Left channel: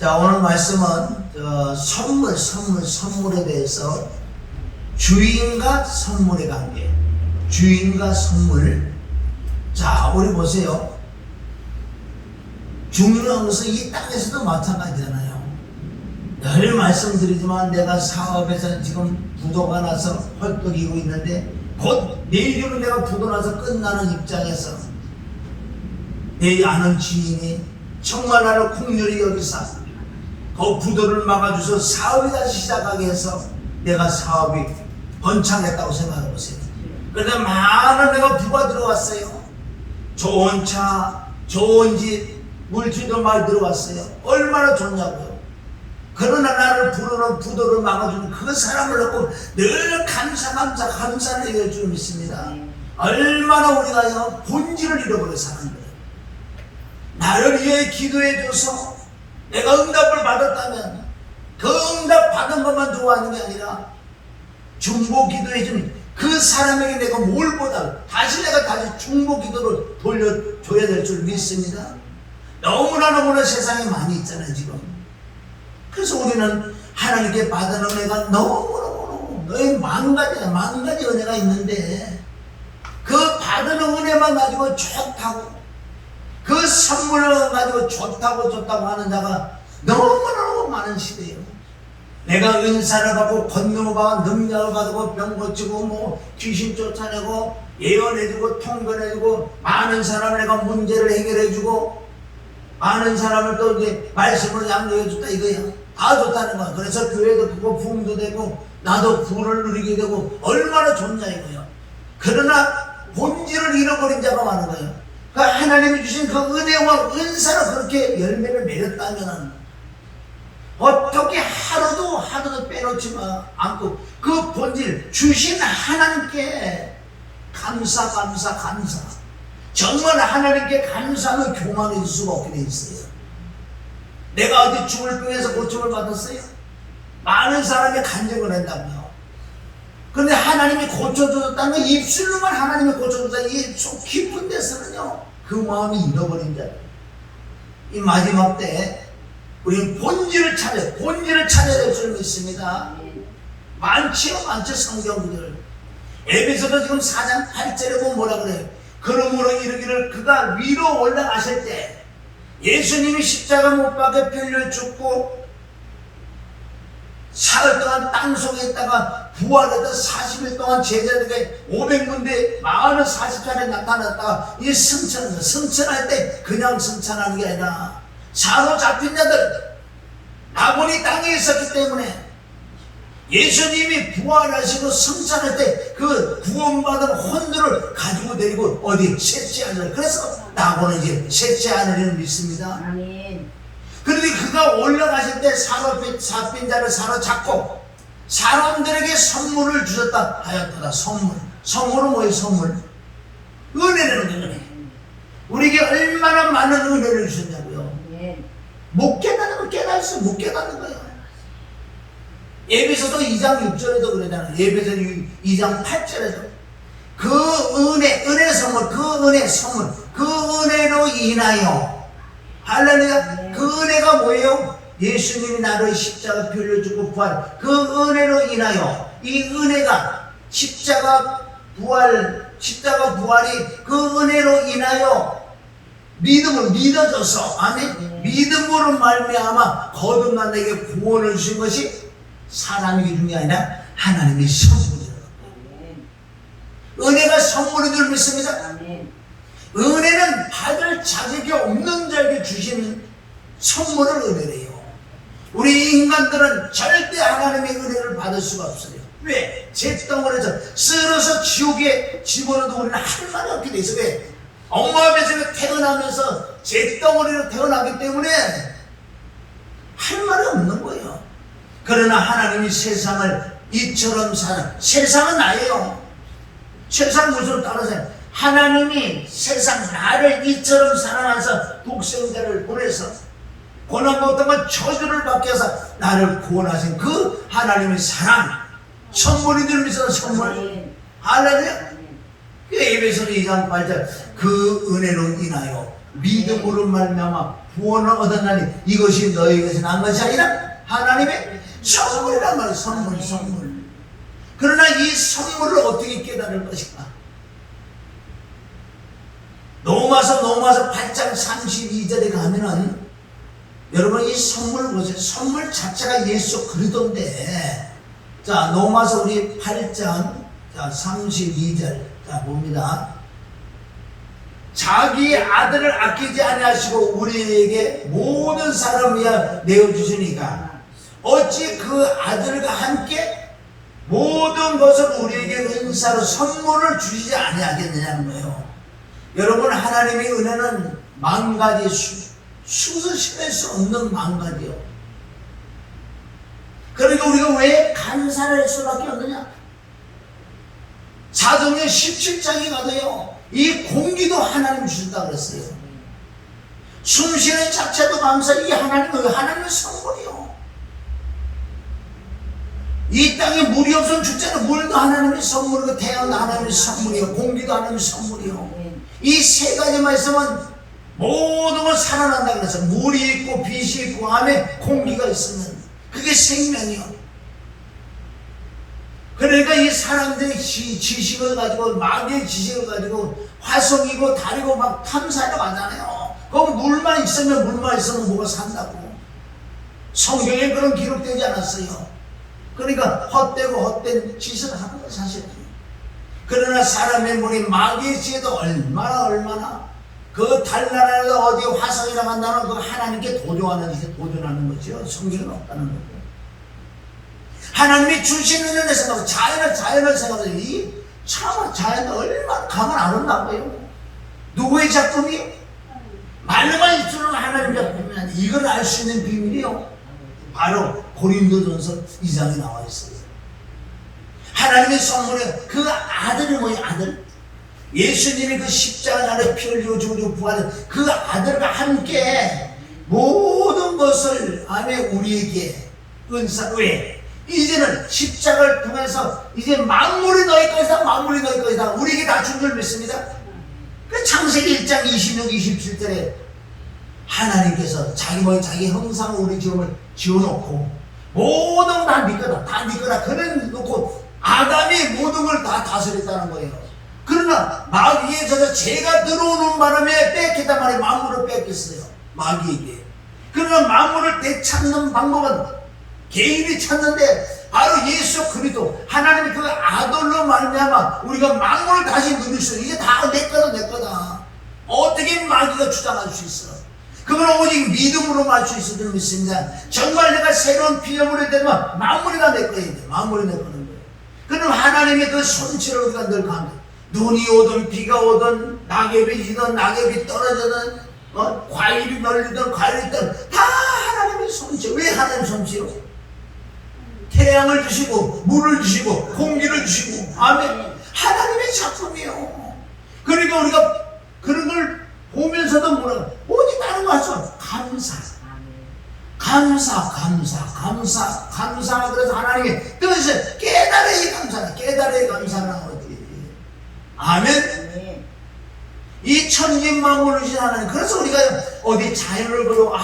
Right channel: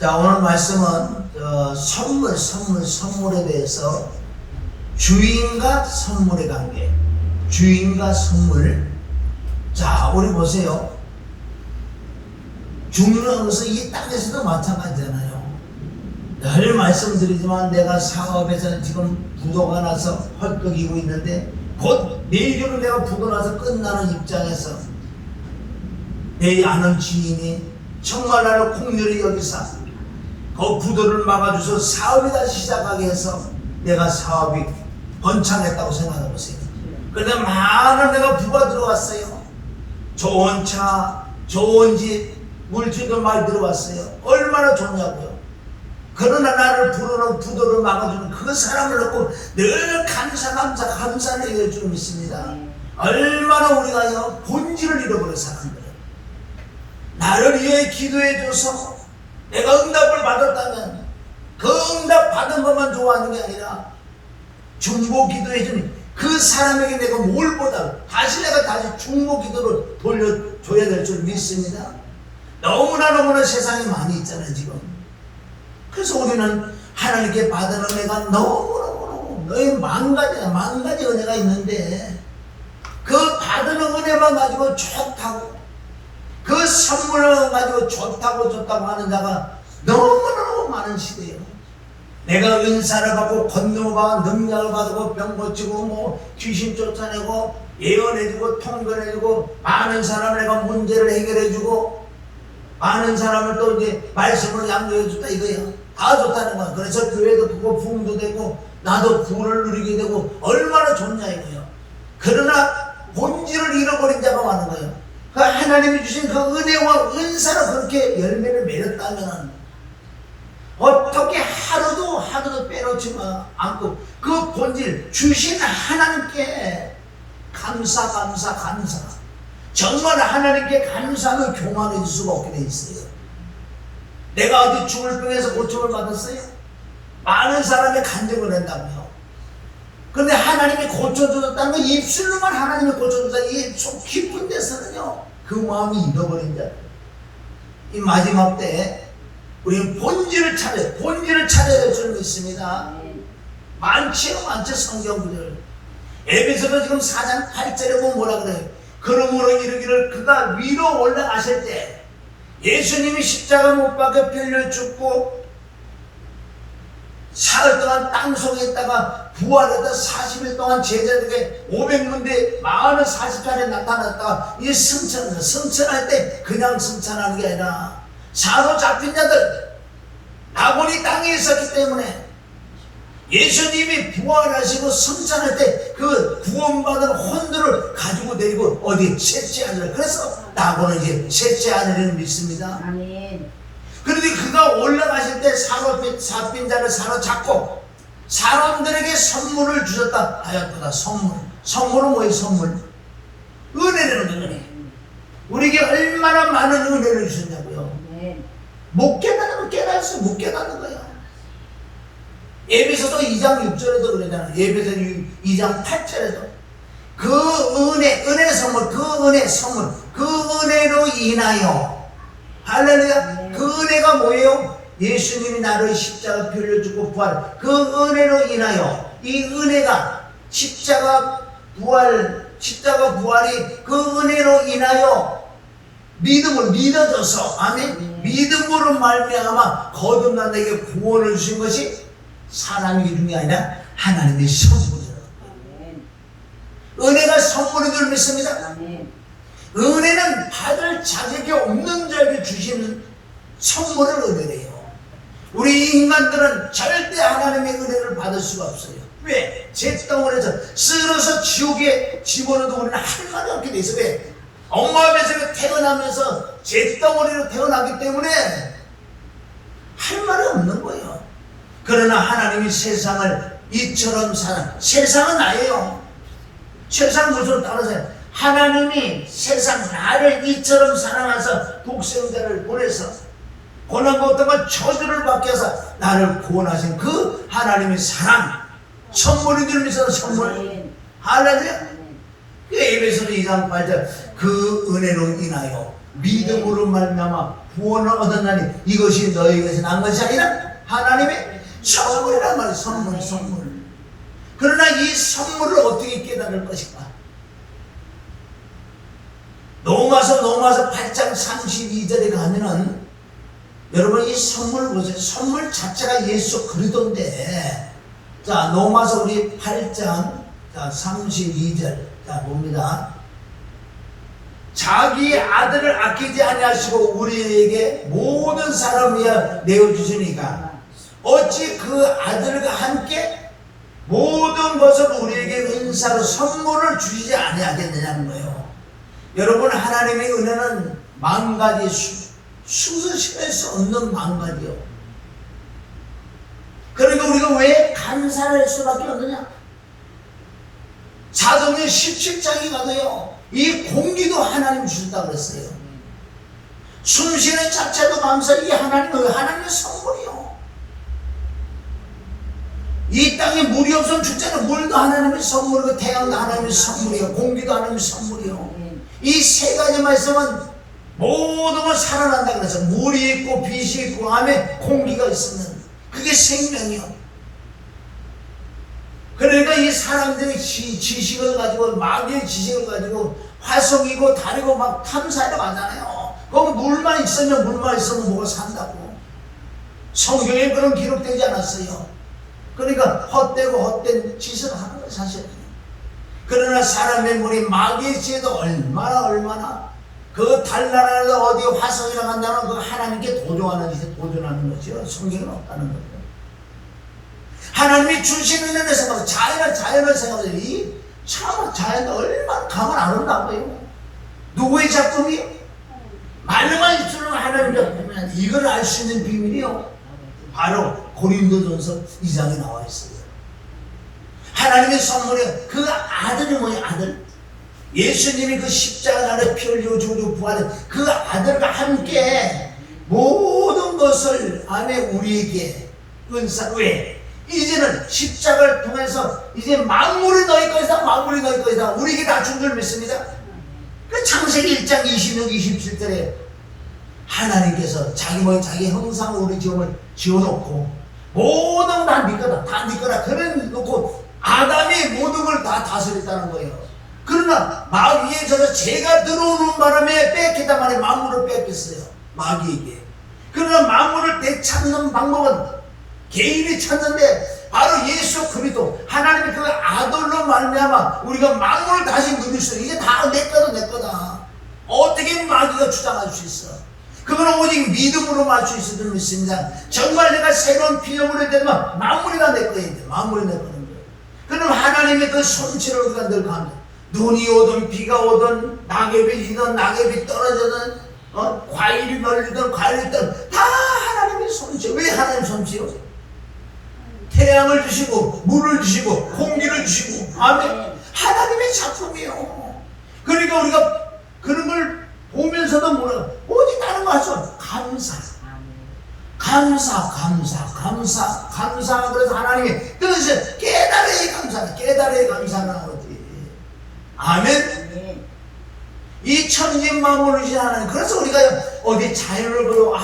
자, 오늘 말씀은 선물에 대해서 주인과 선물의 관계, 주인과 선물. 자, 우리 보세요. 중요한 것은 이 땅에서도 마찬가지잖아요. 늘 말씀드리지만 내가 사업에서 지금 부도가 나서 헐떡이고 있는데 곧 내일이면 내가 부도 나서 끝나는 입장에서 내 아는 지인이 정말 나를 공렬히 여기서 그 부도를 막아줘서 사업이 다시 시작하게 해서 내가 사업이 번창했다고 생각해 보세요. 그런데 많은 내가 부가 들어왔어요. 좋은 차, 좋은 집, 물질도 많이 들어왔어요. 얼마나 좋냐고요. 그러나 나를 부르는 부도를 막아주는 그 사람을 놓고 늘 감사를 해줄 줄 믿습니다. 얼마나 우리가요 본질을 잃어버린 사람들, 나를 위해 기도해줘서 내가 응답을 받았다면 그 응답 받은 것만 좋아하는 게 아니라 중보 기도해준 그 사람에게 내가 뭘보다 다시 중보 기도를 돌려줘야 될 줄 믿습니다. 너무나 세상에 많이 있잖아요 지금. 그래서 우리는 하나님께 받은 은혜가 너무너무 만가지 은혜가 있는데 그 받은 은혜만 가지고 좋다고, 그 선물을 가지고 좋다고 하는 자가 너무너무 많은 시대예요. 내가 은사를 받고 건너가 능력을 받고 병 고치고 귀신 쫓아내고 예언해주고 통변해주고 많은 사람을 내가 문제를 해결해주고 많은 사람을 또 이제 말씀을 양육해줬다 이거예요. 다 좋다는 거야. 그래서 교회도 크고 부흥도 되고 나도 부를 누리게 되고 얼마나 좋냐 이거예요. 그러나 본질을 잃어버린 자가 많은 거예요. 그 하나님이 주신 그 은혜와 은사로 그렇게 열매를 맺었다면 어떻게 하루도 빼놓지 않고 그 본질 주신 하나님께 감사 정말 하나님께 감사하며 교만해 줄 수가 없게 돼 있어요. 내가 어디 죽을 병에서 고침을 받았어요? 많은 사람이 간증을 한다며. 그런데 하나님이 고쳐주셨다는 입술로만 하나님이 고쳐주셨다 이 속 깊은 데서는요 그 마음이 잃어버린 자. 이 마지막 때 우리 본질을 찾아야 될 줄 믿습니다. 많지요 성경 구절. 에베소서 지금 4장 8절에 보면 뭐라 그래요? 그러므로 이르기를 그가 위로 올라가실 때 예수님이 십자가 못 박혀 빌려 죽고 사흘 동안 땅속에 있다가 부활해서 40일 동안 제자들에게 500군데 40차례 나타났다가 이 승천할 때 그냥 승천하는 게 아니라 사로잡힌 자들, 아버지 땅에 있었기 때문에 예수님이 부활하시고 승천할 때 그 구원받은 혼들을 가지고 내리고 어디 셋째 하늘을, 그래서 나고는 이제 셋째 하늘을 믿습니다. 아멘. 그런데 그가 올라가실 때 사로잡힌 자를 사로잡고 사람들에게 선물을 주셨다 하였도다. 선물은 뭐예요? 선물 은혜라는 은혜. 우리에게 얼마나 많은 은혜를 주셨냐고요. 못 깨닫는 깨달았어. 못 깨닫는 거야. 예배소서 2장 6절에도 그러잖아요. 예배소 2장 8절에도 그 은혜 선물, 그 은혜로 인하여 할렐루야. 그 은혜가 뭐예요? 예수님이 나를 십자가 피를 죽고 부활, 그 은혜로 인하여 이 은혜가 십자가 부활이 그 은혜로 인하여 믿음을 믿어져서, 아멘. 믿음으로 말미암아 거듭난 내게 구원을 주신 것이 사람이 주는 게 아니라 하나님의 선물이라고. 은혜가 선물인 줄 믿습니다. 은혜는 받을 자격이 없는 자에게 주시는 선물을 은혜래요. 우리 인간들은 절대 하나님의 은혜를 받을 수가 없어요. 왜? 잿덩어리에서 쓸어서 지옥에 집어넣어도 우리는 할 말이 없게 돼 있어요. 왜? 엄마 아버지가 태어나면서 잿덩어리로 태어나기 때문에 할 말이 없는 거예요. 그러나 하나님이 세상을 이처럼 세상은 나예요. 세상 무엇으로 따라서요? 하나님이 세상 나를 이처럼 사랑하셔서 독생자를 보내서 고난 고통과 저주를 받게 해서 나를 구원하신 그 하나님의 사랑, 선물인 줄 믿어서 선물. 할렐루야. 에베소서 2장 8절 그 은혜로 인하여 믿음으로 말미암아 구원을 얻었나니 이것이 너에게서 난 것이 아니라 하나님의 선물이란 말이에요. 선물. 그러나 이 선물을 어떻게 깨달을 것인가? 로마서 8장 32절에 가면은 여러분 이 선물 보세요. 선물 자체가 예수 그리스도인데, 자 로마서 우리 8장 32절 자 봅니다. 자기 아들을 아끼지 아니하시고 우리에게 모든 사람 위하여 내어주시니까 어찌 그 아들과 함께 모든 것을 우리에게 은사로 선물을 주시지 아니하겠느냐는 거예요. 여러분 하나님의 은혜는 만가지 수시할 수 없는 만가지요. 그러니까 우리가 왜 감사를 할 수밖에 없느냐? 사도행전 17장에 가도요 이 공기도 하나님 주신다고 그랬어요. 숨쉬는 자체도 감사. 이 하나님의 선물이요. 이 땅에 물이 없으면 죽잖아요. 물도 하나님의 선물이고 태양도 하나님의 선물이요, 공기도 하나님의 선물이요. 이 세 가지만 있으면 모든 걸 살아난다 그래서 물이 있고 빛이 있고 안에 공기가 있으면 그게 생명이요. 그러니까 이 사람들이 지식을 가지고 마귀의 지식을 가지고 화성이고 달이고 막 탐사하러 가잖아요. 거기 물만 있으면 뭐가 산다고. 성경에 그런 기록되지 않았어요. 그러니까 헛된 짓을 하는 거 사실이에요. 그러나 사람의 물이 마귀의 지혜도 얼마나 그 달나라에서 어디 화성이라 간다는 그 하나님께 도전하는 거죠. 성경은 없다는 거죠. 하나님이 주시는 은혜 생각하고 자연을 생각하고 참 자연은 얼마나 가만 아름다워요. 누구의 작품이? 말만 입술은 하나님 작품이야. 이걸 알 수 있는 비밀이요 바로 고린도전서 2장에 나와 있어요. 하나님의 선물에 그 아들이 뭐예요? 아들. 예수님이 그 십자가에 피 흘리고 죽고 부활한 그 아들과 함께 모든 것을 안에 우리에게 은사로 해. 이제는 십자가를 통해서 이제 만물이 너희 것이다. 우리에게 다 준 줄 믿습니다. 그 창세기 1장 26, 27절에 하나님께서 자기 형상으로 우리 지음을 지어놓고 모든 다 네 거다. 그래 놓고 아담이 모든 걸 다 다스렸다는 거예요. 그러나 마귀에 져서 죄가 들어오는 바람에 뺏기다 말에 만물을 뺏겼어요. 마귀에게. 그러나 만물을 되찾는 방법은 개인이 찾는데 바로 예수 그리스도 하나님의 그 아들로 말미암아 우리가 만물을 다시 누릴 수 있어. 이게 다 내 거다. 어떻게 마귀가 주장할 수 있어? 그건 오직 믿음으로 말 수 있을 줄 믿습니다. 정말 내가 새로운 피조물이 되면 만물이 다 내 거예요. 만물이 내 거는 거예요. 그럼 하나님의 그 손질을 우리가 늘 감다. 눈이 오든 비가 오든 낙엽이 지든 낙엽이 떨어지든 과일이 널리든 과일이 떨어지든 다 하나님의 손질. 왜 하나님 손질이요? 태양을 주시고 물을 주시고 공기를 주시고 아멘. 하나님의 작품이에요. 그러니까 우리가 그런 걸 보면서도 뭐라 어디 다른 거 하죠? 감사. 그래서 하나님의 뜻을 깨달아야 감사라는 거지. 아멘. 이 천진만물이신 하나님. 그래서 우리가 어디 자연을 보고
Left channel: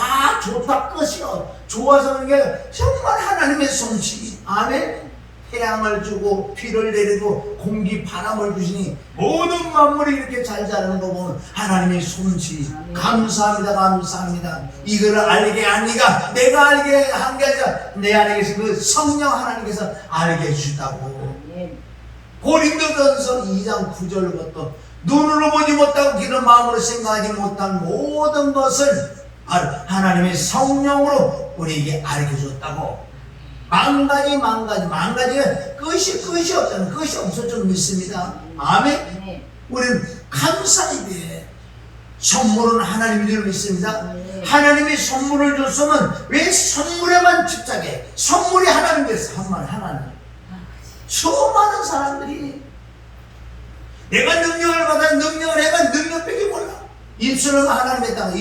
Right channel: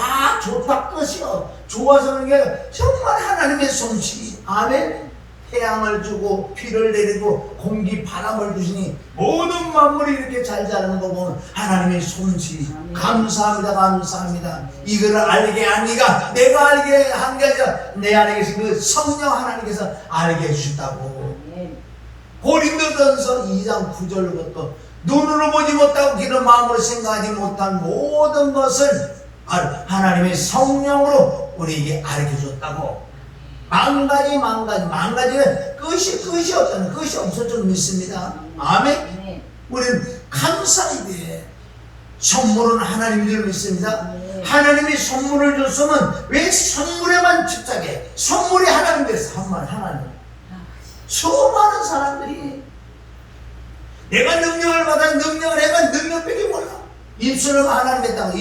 좋다 끝이요 좋아서 그런 게 정말 하나님의 솜씨. 아멘. 태양을 주고 비를 내리고 공기 바람을 주시니 모든 만물이 이렇게 잘 자라는 거 보면 하나님의 솜씨. 감사합니다. 이거를 알게 하니까 내가 알게 한 게 아니라 내 안에 계신 그 성령 하나님께서 알게 해주셨다고. 고린도전서 2장 9절부터 눈으로 보지 못하고 귀는 마음으로 생각하지 못한 모든 것을 하나님의 성령으로 우리에게 알려줬다고. 만가지에 끝이 없다는, 끝이 없을 줄 믿습니다. 아멘. 우리는 감사해야 돼. 선물은 하나님인 줄 믿습니다. 하나님이 선물을 줬으면 왜 선물에만 집착해? 선물이 하나님 됐어. 하나님. 수많은 사람들이 내가 능력을 받아 능력을 해가 능력밖에 몰라. 입술로만 하나님의 땅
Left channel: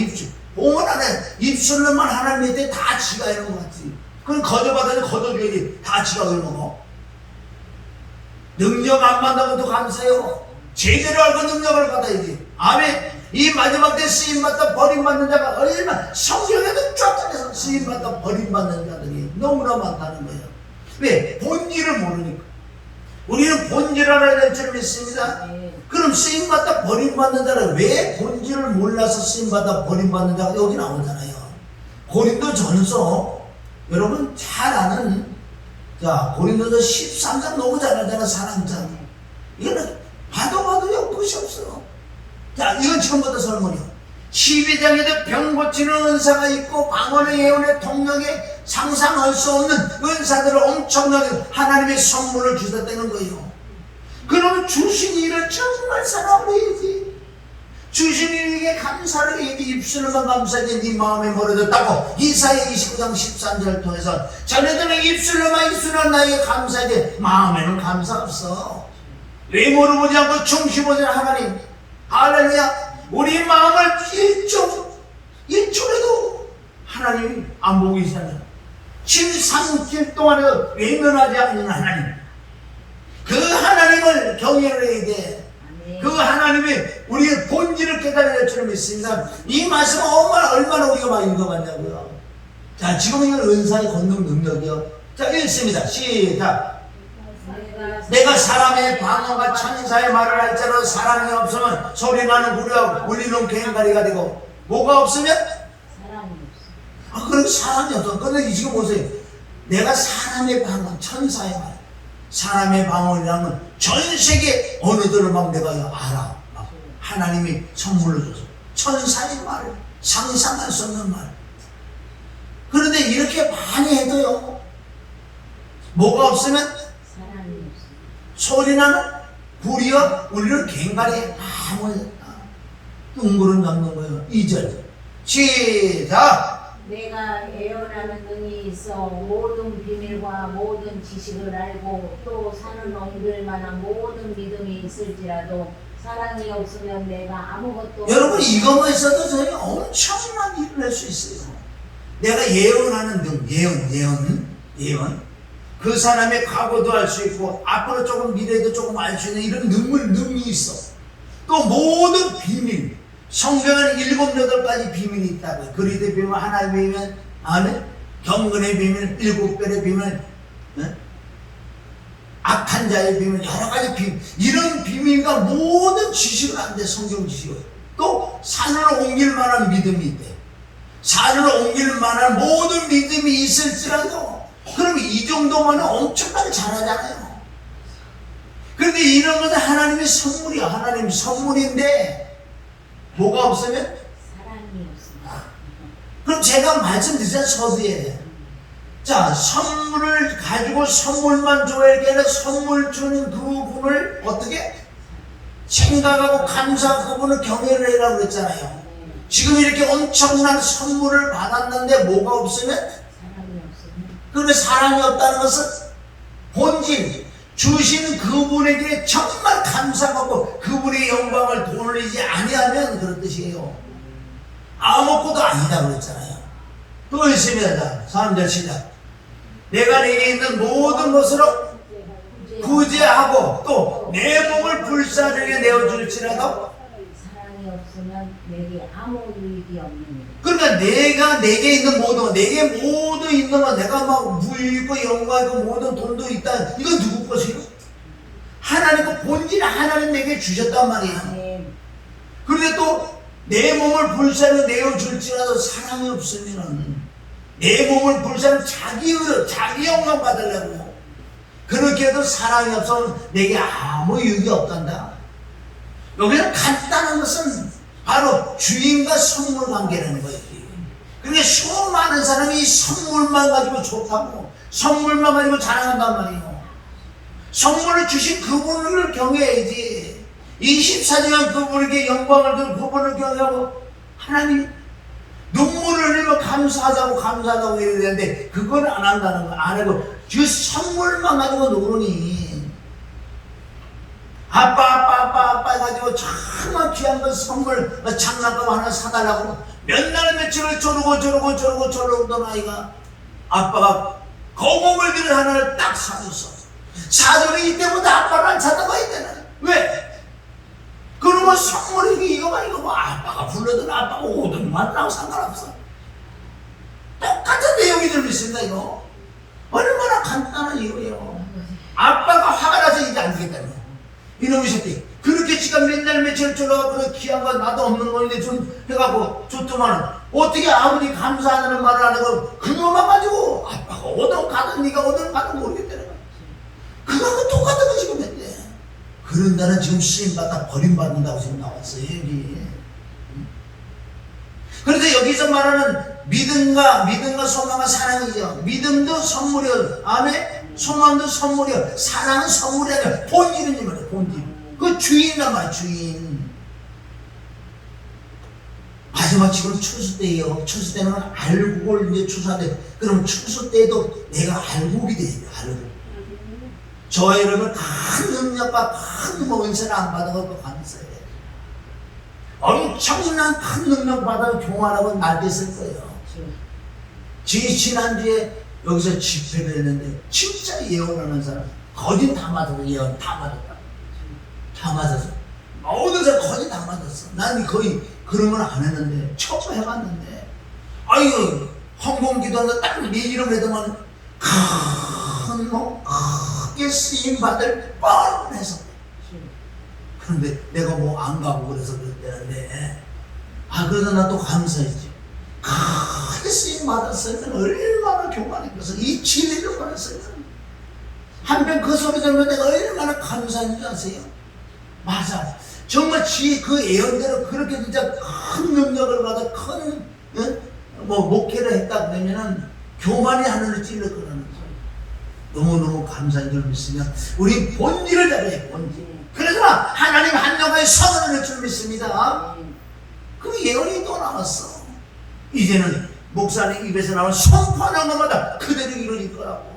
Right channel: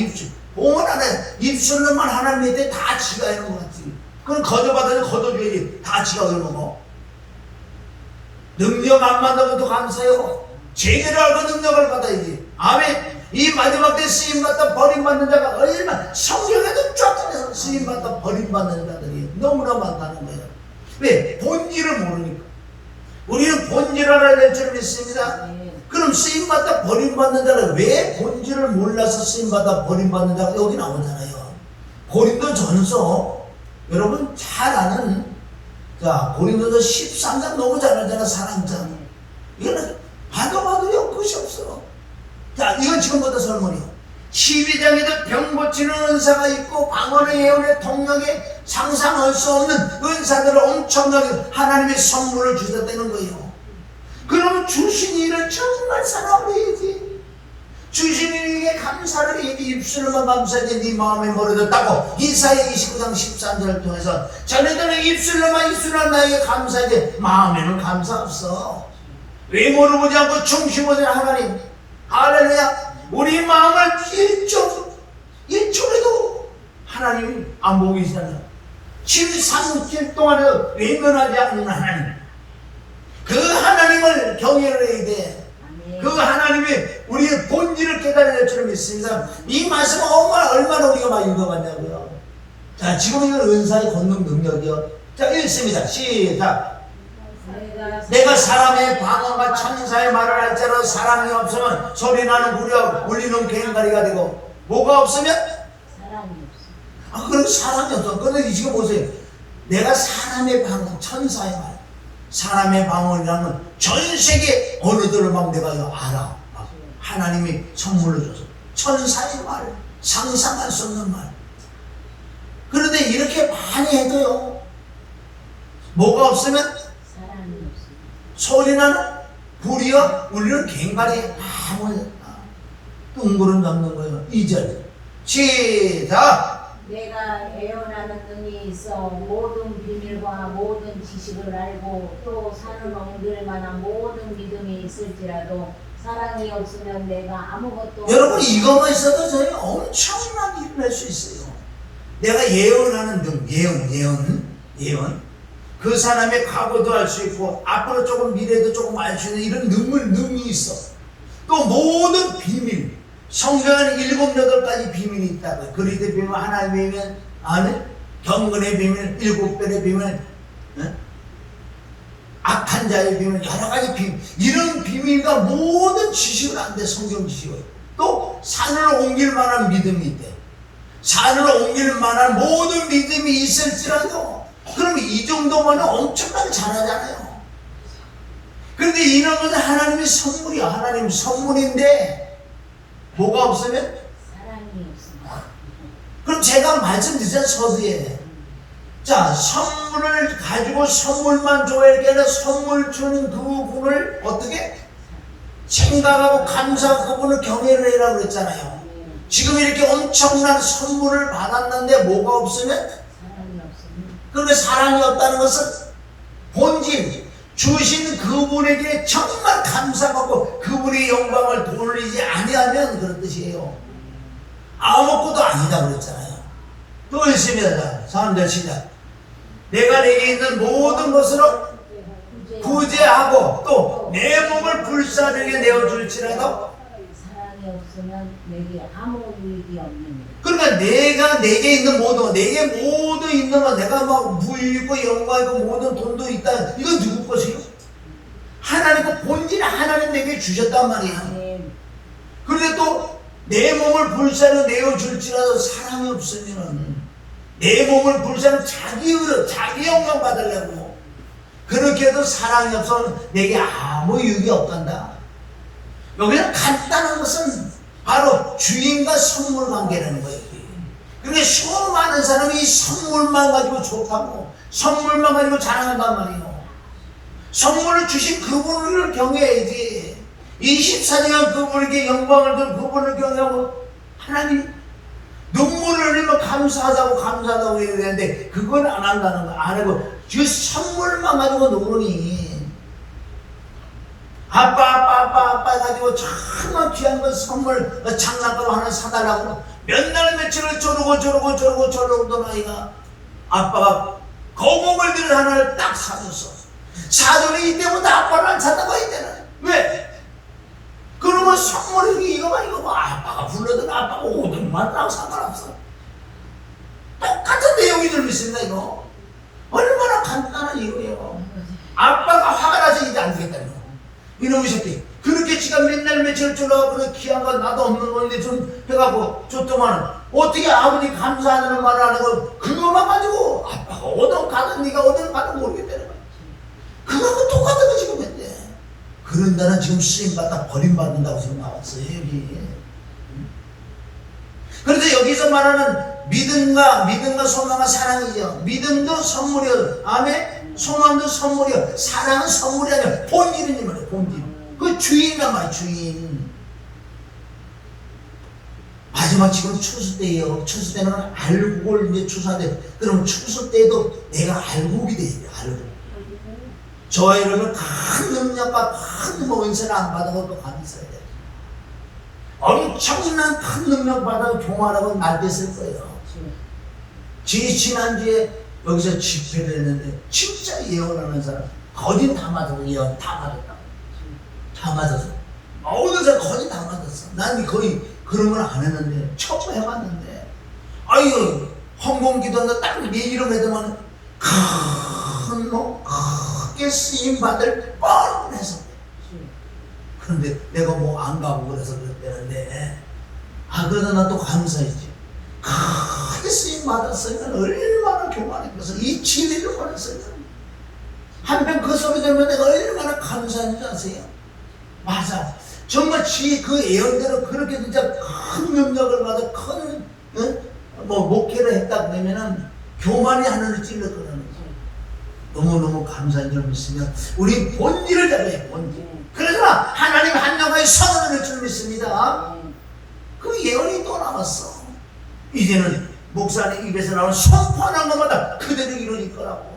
봉헌 하나 입술로만 하나님의 땅 다 지가 있는 것 같지. 그럼 거둬받으면 거둬줘야지. 다 지가 그러는 거. 능력 안 받는 것도 감사해요. 제대로 알고 능력을 받아야지. 아멘. 이 마지막 때 쓰임받다 버림받는 자가 얼마나, 성경에도 쫙쫙해서 쓰임받다 버림받는 자들이 너무나 많다는 거예요. 왜? 본질을 모르니까. 우리는 본질 알아야 될 줄 믿습니다. 그럼 쓰임받다 버림받는 자는 왜 본질을 몰라서 쓰임받다 버림받는 자가 여기 나오잖아요. 고린도전서 여러분 잘 아는, 자 고린도서 13장 너무 잘 알잖아. 사랑장. 이거는 봐도 끝이 없어. 자, 이건 지금부터 설문이요. 12장에도 병 고치는 은사가 있고 방언의 예언의 통역에 상상할 수 없는 은사들을 엄청나게 하나님의 선물을 주셨다는 거예요. 그러면 주신 일을 정말 사랑해야지. 주신 일에게 감사를 해야지. 입술로만 감사하지 네 마음에 멀어졌다고 이사야 29장 13절을 통해서 자네들은 입술로만 나에게 감사하지 마음에는 감사 없어. 외모를 보지 않고 중심 오신 하나님, 할렐루야. 우리 마음을 1초라도 하나님 안 보고 계시다면 737 동안에도 외면하지 않는 하나님, 그 하나님을 경외를 해야 돼. 그 하나님이 우리의 본질을 깨달아야 될 줄 믿습니다. 이 말씀은 얼마나 우리가 많이 읽어봤냐고요. 자, 지금 이건 은사의 권능 능력이요. 자, 읽습니다. 시작. 내가 사람의 방언과 천사의 말을 할지라도 사랑이 없으면 소리나는 구려 울리는 괭가리가 되고, 뭐가 없으면? 사랑이 없어. 그럼 사람이 없어. 그런데 지금 보세요. 내가 사람의 방언, 천사의 말, 사람의 방언이라는 건 전 세계 어느들을 막 내가 알아. 막 하나님이 선물로 줘서 천사의 말, 상상할 수 없는 말. 그런데 이렇게 많이 해도요, 뭐가 없으면? 소리나는 불이여 울리는 괭가리에 아무 둥그름 잡는 거예요. 2절 시작. 내가 예언하는 능이 있어 모든 비밀과 모든 지식을 알고 또 산을 옮길 만한 모든 믿음이 있을지라도 사랑이 없으면 내가 아무것도. 여러분 이것만 있어도 저희 엄청난 일을 할 수 있어요. 내가 예언하는 능, 예언. 그 사람의 과거도 알 수 있고 앞으로 조금 미래도 조금 알 수 있는 이런 능이 있어. 또 모든 비밀, 성경에는 7, 8가지 비밀이 있다고요. 그리스도의 비밀, 하나님의 비밀, 아멘, 경건의 비밀, 7별의 비밀, 악한 자의 비밀, 여러 가지 비밀. 이런 비밀과 모든 지식은 안 돼. 성경 지식은. 또 산을 옮길 만한 믿음이 있대. 산을 옮길 만한 모든 믿음이 있을지라도, 그럼 이 정도면 엄청나게 잘하잖아요. 그런데 이런 것은 하나님의 선물이야. 하나님 선물인데 뭐가 없으면? 사랑이 없습니다. 그럼 제가 말씀드렸잖아요. 서두에. 자, 선물을 가지고 선물만 줘야 게 아니라 선물 주는 그분을 어떻게? 생각하고 감사하고 그분을 경외를 해라고 그랬잖아요. 지금 이렇게 엄청난 선물을 받았는데 뭐가 없으면? 사랑이 없습니다. 그런데 사랑이 없다는 것은 본질, 주신 그분에게 정말 감사하고 그분의 영광을 돌리지 아니하면 그런 뜻이에요. 아무것도 아니다 그랬잖아요. 또 있습니다. 사람들 시작. 내가 내게 있는 모든 것으로 구제하고 또 내 몸을 불사르게 내어줄지라도 사랑이 없으면 내게 아무 유익이 없는. 그러니까 내가 내게 있는 모든 것, 내게 모두 있는 것, 내가 막 부유있고 영광이고 모든 돈도 있다. 이건 누구 것이요? 하나님 그 본질 하나님 내게 주셨단 말이에요. 그런데 또 내 몸을 불사르게 내어줄지라도 사랑이 없으면 내 몸을 불사르는 자기 의로 자기 영광 받으려고 그렇게 해도 사랑이 없으면 내게 아무 유익이 없단다. 여기는 간단한 것은 바로 주인과 선물 관계라는 거예요. 그러니까 수많은 사람이 이 선물만 가지고 좋다고 선물만 가지고 자랑한단 말이에요. 선물을 주신 그분을 경외해야지. 24시간 그분에게 영광을 두고 그분을 경외하고 하나님 눈물을 흘리면 감사하다고 해야 되는데 그건 안 한다는 거야. 안 하고 그 선물만 가지고 노느니 아빠 가지고 정말 귀한 거 선물 장난감 하나 사달라고 몇 날 며칠을 조르고 아이가 아빠가 거목을 들은 하나를 딱 사줬어. 사줬는데 이때부터 아빠를 안 찾아봐야 되나? 왜? 그러면 선물이 이거 아빠가 불러든 아빠가 오든 말라고 상관없어. 똑같은 내용이 들어있습니다. 이거 얼마나 간단한 이유예요. 아빠가 화가 나서 이제 안 되겠다는 거야. 이놈의 새끼 그렇게 지가 맨날 며칠 졸라가 그 귀한 건 나도 없는 건데 좀 해갖고 줬더만 어떻게 아버지 감사하는 말을 안 하고 그거만 가지고 아빠가 오든 가든 네가 오든 가든 모르겠다는 거야. 그거하고 똑같은 거 지금 했대. 그런 나는 지금 시험받다 버림받는다고 지금 나왔어요 여기. 그런데 여기서 말하는 믿음과 소망과 사랑이죠. 믿음도 선물이요. 아멘. 소망도 선물이요. 사랑은 선물이 아니라 본질인 말이에요. 본질. 그 주인이란 말이에요. 주인. 마지막 지금 추수 때예요. 추수 때는 알곡을 이제 추수하는데 그럼 추수 때도 내가 알곡이 돼야 돼요. 알곡. 저와 여러분 큰 능력과 큰 은혜를 안 받아도 감사해야 돼요. 엄청난 큰 능력 받아 교만하고 날겠을 거예요. 지난주에 여기서 집회를 했는데 진짜 예언하는 사람 거진 다 맞았어. 예언 다 맞았다. 다 맞았어. 모든 사람 거진 다 맞았어. 난 거의 그런 걸 안 했는데 처음 해봤는데 아유 헌금기도하는데 딱 내 이름 해도만 큰 놈 크게 쓰임받을 뻔해서 그런데 내가 뭐 안 가고 그래서 그랬다는데 그래서 난 또 감사했죠. 크게 쓰임 받았으면 얼마나 교만했겠어. 이 진리를 보냈어요. 한편 그 소리 들으면 내가 얼마나 감사했는지 아세요? 맞아. 정말 그 예언대로 그렇게 진짜 큰 능력을 받아 큰 목회를 했다 그러면은 교만이 하늘을 찔렀거든요. 너무너무 감사한 줄 믿으면 우리 본질을 잡아야 본질. 그러지만 하나님 한영과의 선언을 줄 믿습니다. 그 예언이 또 남았어. 이제는 목사님 입에서 나온 선포하는 것마다 그대로 이루어질 거라고.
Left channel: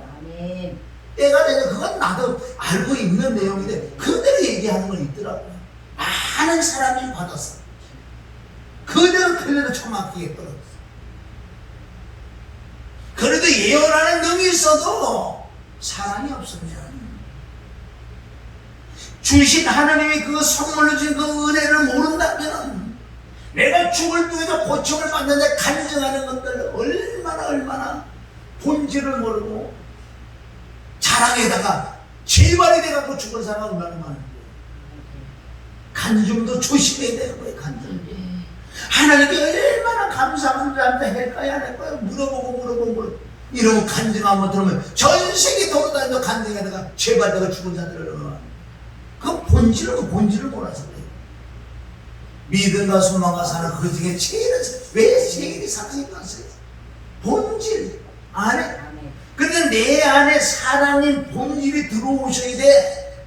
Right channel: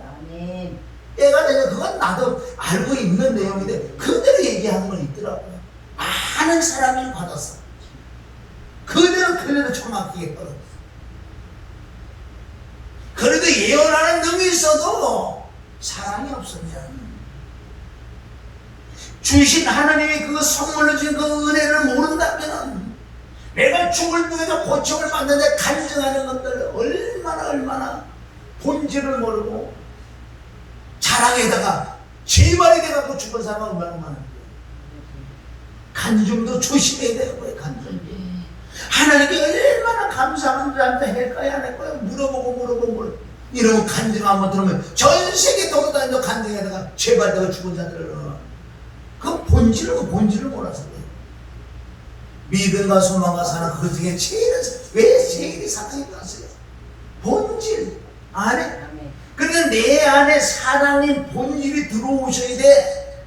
때가 되면 그건 나도 알고 있는 내용인데 그대로 얘기하는 건 있더라고요. 많은 사람이 받았어. 그대로 정확하게 떨어졌어. 그래도 예언하는 능이 있어도 사랑이 없으면 주신 하나님이 그 선물로 준 그 은혜를 모른다면 내가 죽을 중에도 고통을 받는데 간증하는 것들 얼마나 본질을 모르고 자랑에다가 재발이 돼갖고 죽은 사람은 얼마나 많은데 간증도 조심해야 되는 거예요. 간증 하나님께 얼마나 감사한 자한테 할까요 안 할까요 물어보고 이러고 간증 한번 들으면 전 세계 돌아다니면서 간증에다가 재발되가 죽은 자들을 그 본질을 몰라서 그래요. 믿음과 소망과 사랑 그 중에 왜 제일이 사랑이 갔어요? 본질 안에. 그러니까 내 안에 사랑인 본질이 들어오셔야 돼.